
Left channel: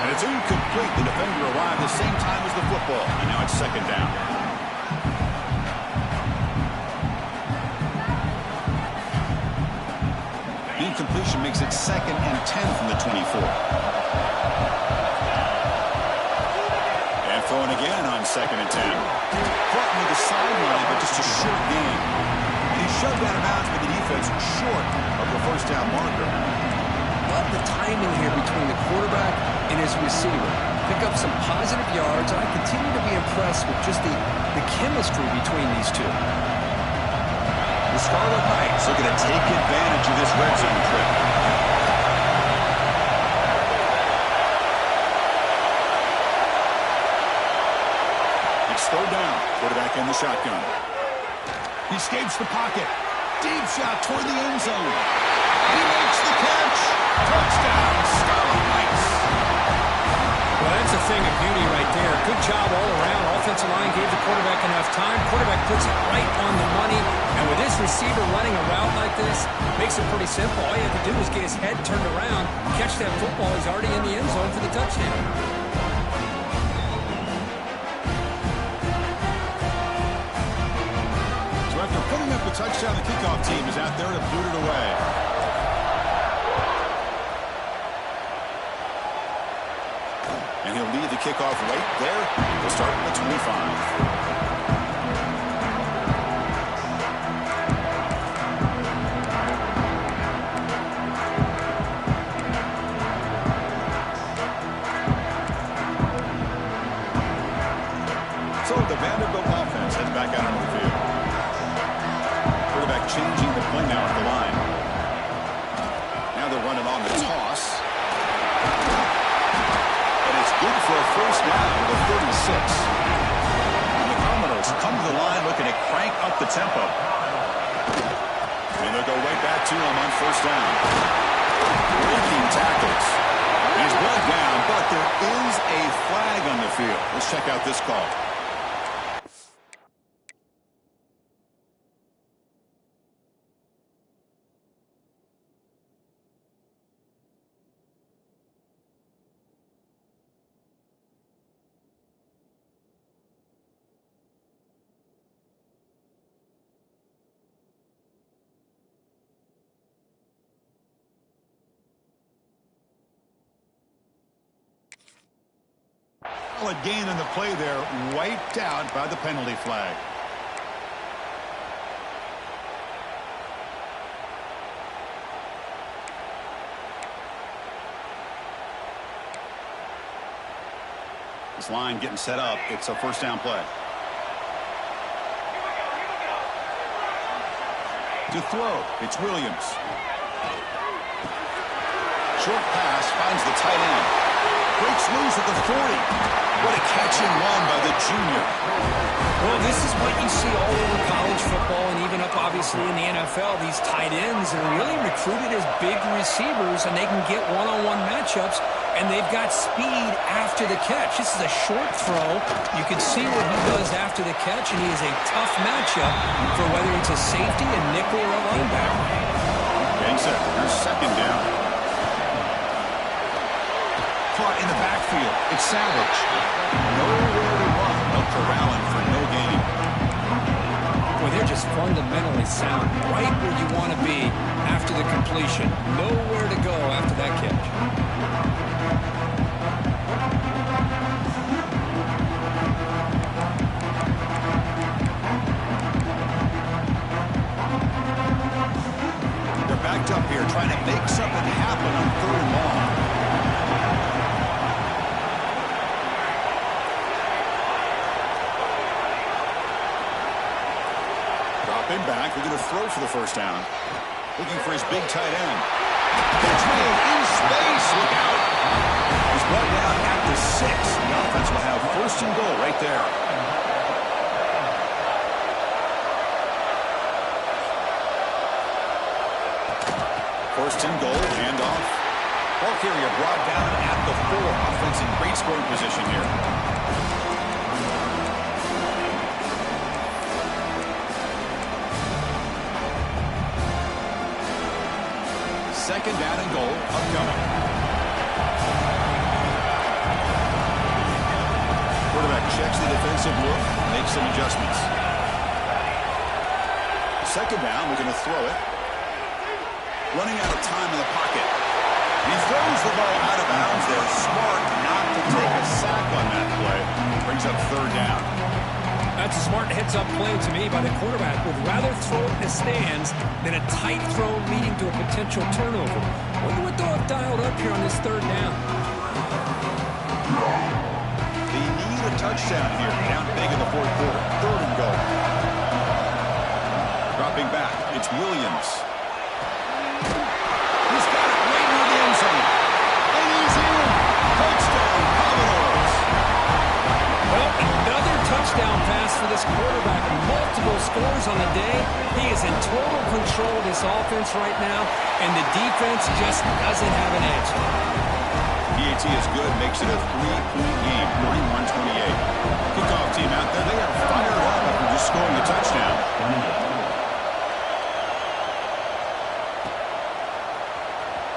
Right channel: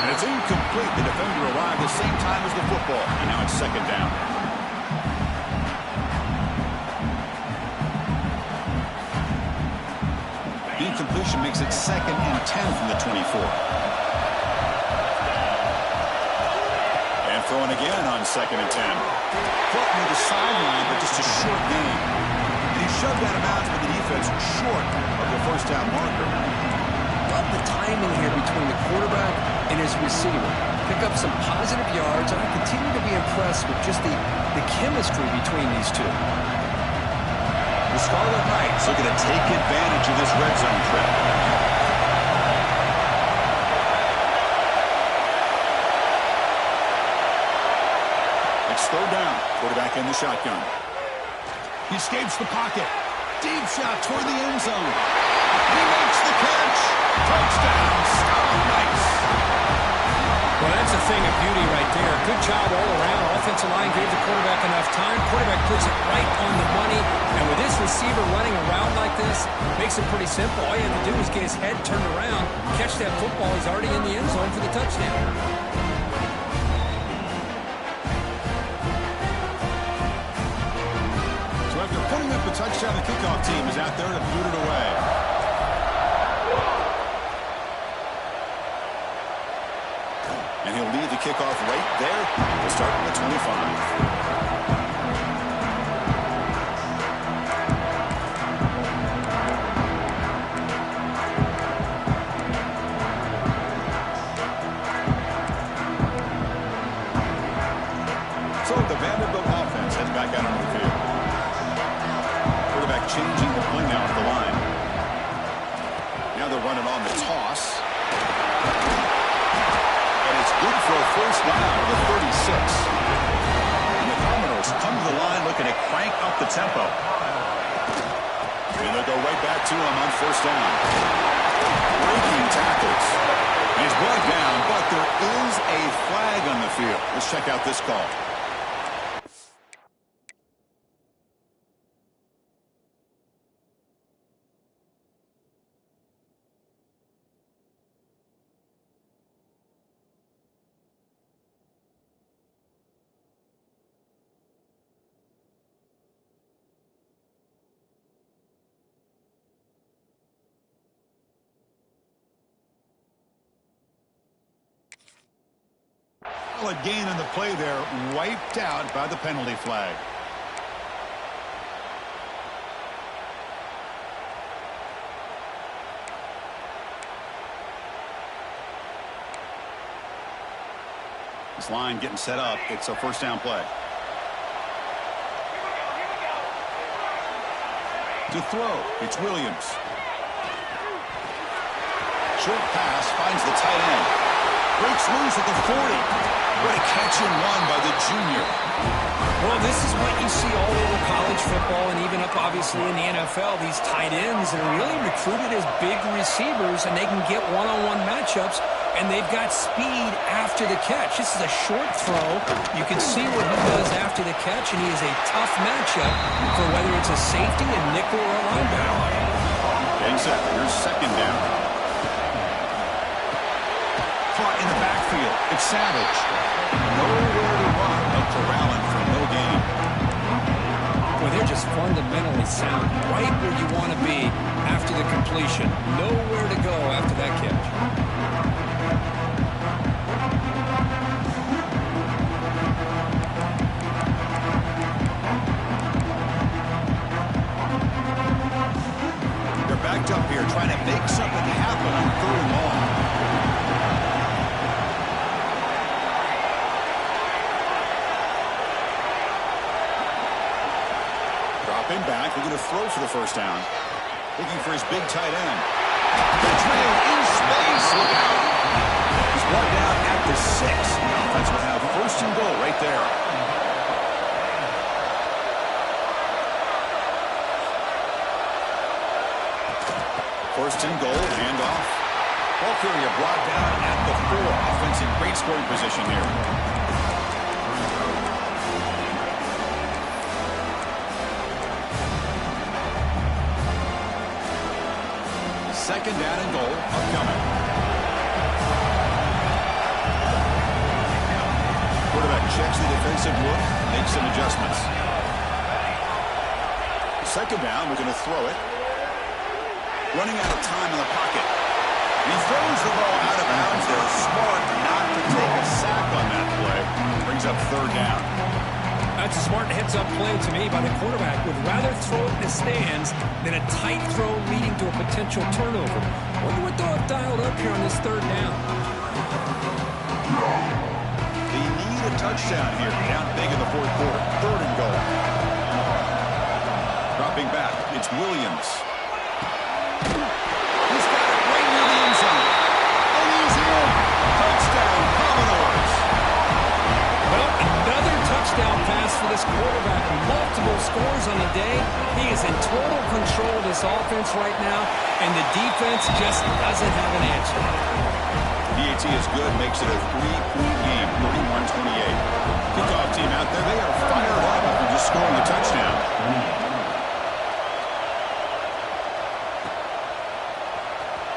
And it's incomplete. The defender arrived the same time as the football. And now it's second down. Incompletion makes it second and 10 from the 24. And throwing again on second and 10. Caught near the sideline, but just a short gain. And he shoved out of bounds with the defense short of the first down marker. Love the timing here between the quarterback and his receiver. Pick up some positive yards, and I continue to be impressed with just the chemistry between these two. The Scarlet Knights looking to take advantage of this red zone trip. It's third down. Quarterback in the shotgun. He escapes the pocket. Deep shot toward the end zone. He makes the catch. Touchdown, Scarlet Knights. Well, that's a thing of beauty right there. Good job all around. Offensive line gave the quarterback enough time. Quarterback puts it right on the money. And with this receiver running a route like this, makes it pretty simple. All you have to do is get his head turned around, catch that football. He's already in the end zone for the touchdown. So after putting up a touchdown, the kickoff team is out there to boot it away. And he'll lead the kickoff right there. We'll start at the 25. So the Vanderbilt offense heads back out onto the field. Quarterback changing the play now at the line. Now they're running on the toss. And it's good for a first down to the 36. And the Commodores come to the line looking to crank up the tempo. And they'll go right back to him on first down. Breaking tackles. And he's brought down, but there is a flag on the field. Let's check out this call. Solid gain on the play there, wiped out by the penalty flag. This line getting set up. It's a first down play. To throw, it's Williams. Short pass finds the tight end. Breaks loose at the 40. What a catch and run by the junior. Well, this is what you see all over college football and even up, obviously, in the NFL. These tight ends that are really recruited as big receivers, and they can get one-on-one matchups, and they've got speed after the catch. This is a short throw. You can see what he does after the catch, and he is a tough matchup for whether it's a safety, a nickel, or a linebacker. Getting set. Here's second down. Caught in the backfield. It's Savage. Nowhere to run. They'll corral him for no gain. Boy, they're just fundamentally sound. Right where you want to be after the completion. Nowhere to go after that catch. They're backed up here trying to make something happen on third and long. Dropping back, looking to throw for the first down. Looking for his big tight end. Catch made in space. Look out. He's brought down at the 6. The offense will have first and goal right there. First and goal, handoff. Ball carrier brought down at the 4. Offense in great scoring position here. Second down and goal upcoming. Quarterback checks the defensive look, makes some adjustments. Second down, we're going to throw it. Running out of time in the pocket. And he throws the ball out of bounds there. Smart not to take a sack on that play. Brings up third down. That's a smart heads-up play to me by the quarterback. Would rather throw it in the stands than a tight throw leading to a potential turnover. Wonder what they'll have dialed up here on this third down. They need a touchdown here. Down big in the fourth quarter. Third and goal. Dropping back. It's Williams. He's got it right near the end zone. And he's in. Touchdown, Commodores. Well, another touchdown pass for this quarterback. Multiple scores on the day. He is in total control of this offense right now, and the defense just doesn't have an answer. PAT is good, makes it a 3-point game, 31-28. Kickoff team out there, they are fired up after just scoring a touchdown.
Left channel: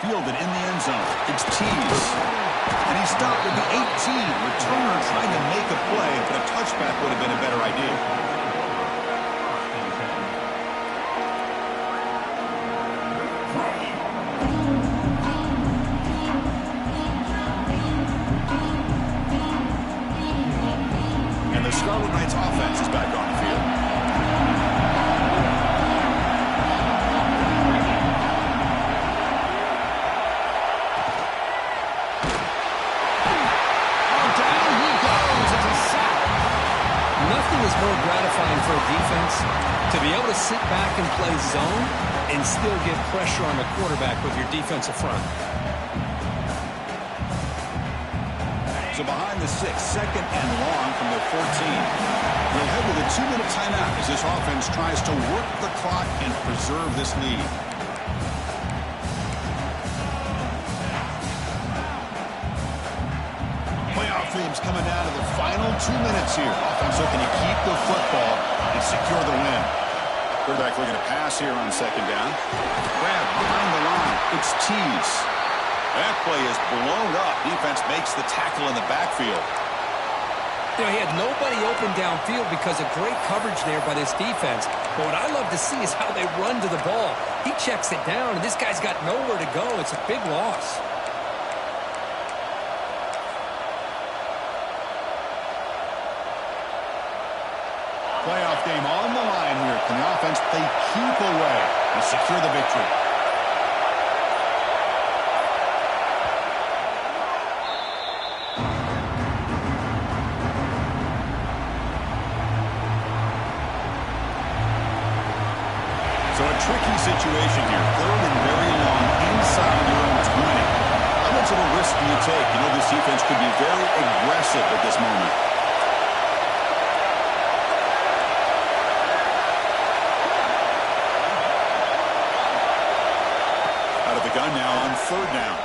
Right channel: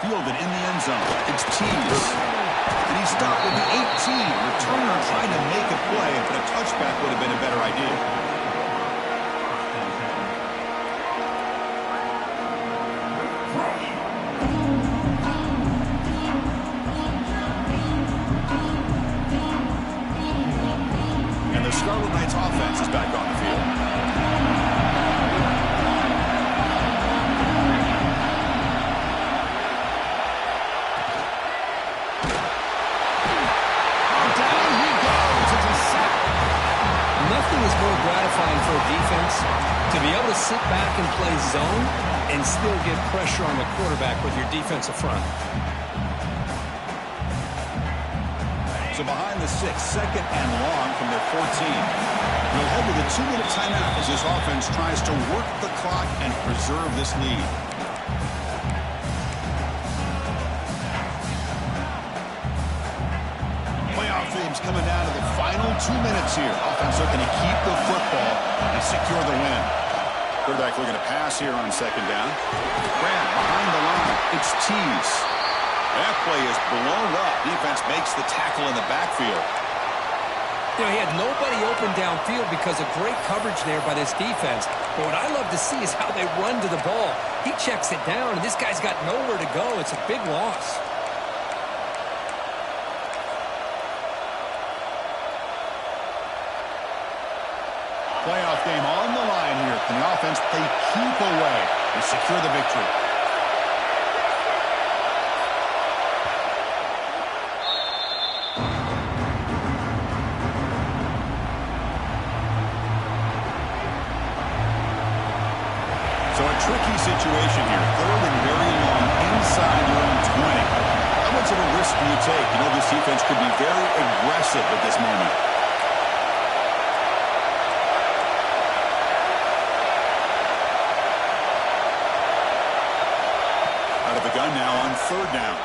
Fielded in the end zone. It's Tease. And he stopped at the 18. Returner trying to make a play, but a touchback would have been a better idea. And the Scarlet Knights offense is back on the field. Nothing is more gratifying for a defense to be able to sit back and play zone and still get pressure on the quarterback with your defensive front. So behind the 6, second and long from their 14. We'll head to the 2-minute timeout as this offense tries to work the clock and preserve this lead. Playoff themes coming down to the final 2 minutes here. Offense looking to keep the football and secure the win. Quarterback looking to pass here on second down. Grab behind the line. It's Tease. That play is blown up. Defense makes the tackle in the backfield. You know, he had nobody open downfield because of great coverage there by this defense. But what I love to see is how they run to the ball. He checks it down, and this guy's got nowhere to go. It's a big loss. Playoff game on the line here. Can the offense play keep away and secure the victory? So a tricky situation here. Third and very long inside your own 20. How much of a risk do you take? You know this defense could be very aggressive at this moment. Out of the gun now on third down.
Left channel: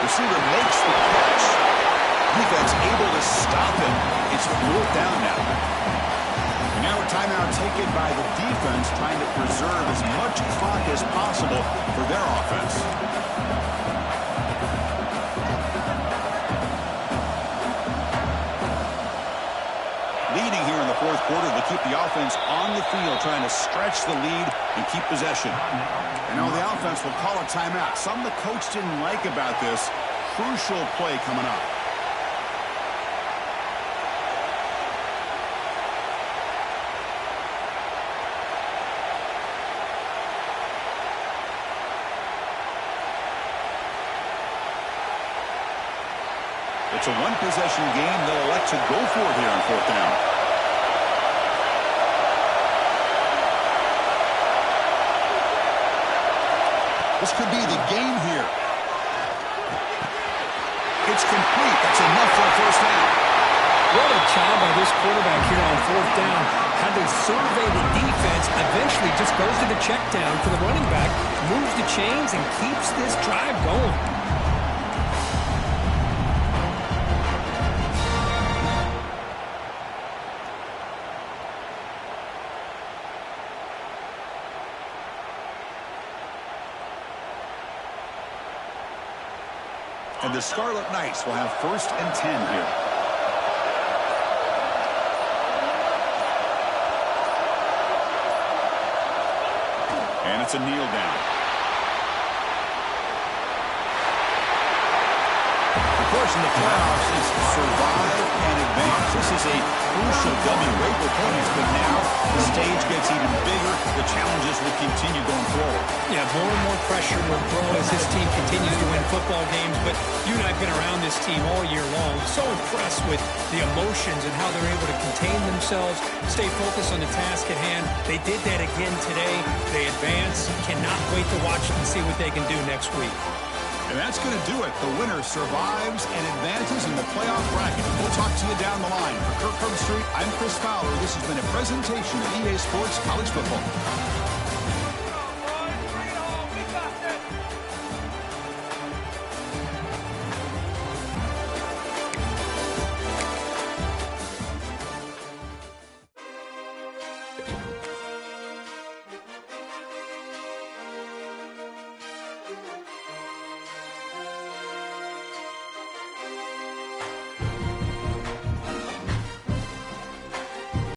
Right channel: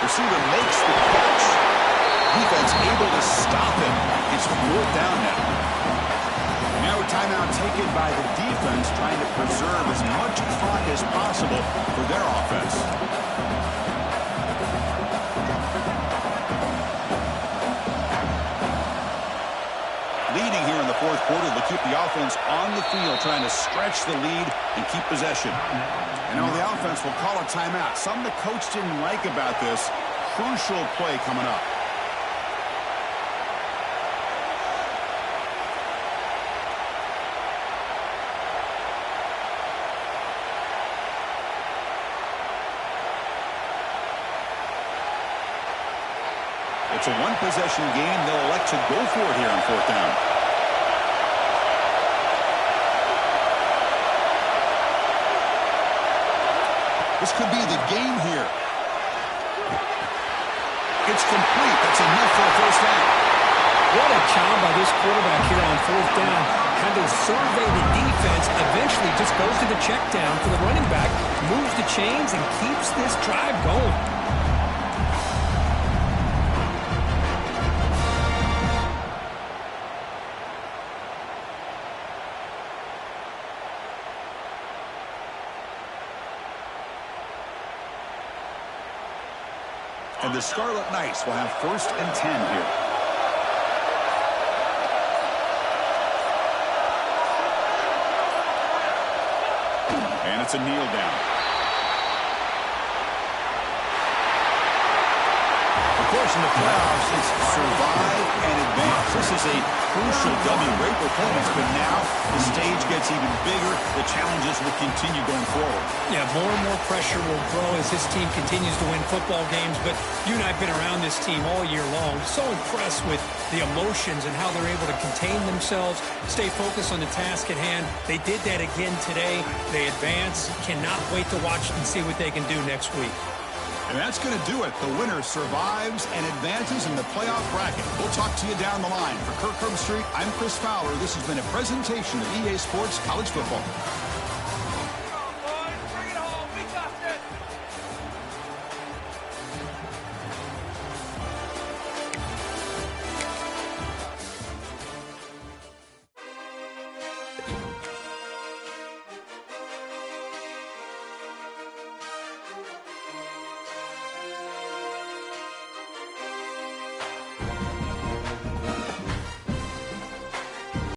Receiver makes the catch. Defense able to stop him. It's fourth down now. And now a timeout taken by the defense trying to preserve as much clock as possible for their offense. Leading here in the fourth quarter, they'll keep the offense on the field, trying to stretch the lead and keep possession. And now the offense will call a timeout. Something the coach didn't like about this. Crucial play coming up. It's a one-possession game. They'll elect to go for it here on fourth down. This could be the game here. It's complete. That's enough for a first down. What a job by this quarterback here on fourth down. Had to survey the defense, eventually just goes to the check down for the running back, moves the chains, and keeps this drive going. And the Scarlet Knights will have first and 10 here. And it's a kneel down. Of course, in the playoffs, it's survive and advance. This is a crucial W. Great performance, but now the stage gets even bigger. The challenges will continue going forward. Yeah, more and more pressure will grow as this team continues to win football games. But you and I have been around this team all year long. So impressed with the emotions and how they're able to contain themselves, stay focused on the task at hand. They did that again today. They advance. Cannot wait to watch and see what they can do next week. And that's going to do it. The winner survives and advances in the playoff bracket. We'll talk to you down the line. For Kirk Herbstreit, I'm Chris Fowler. This has been a presentation of EA Sports College Football.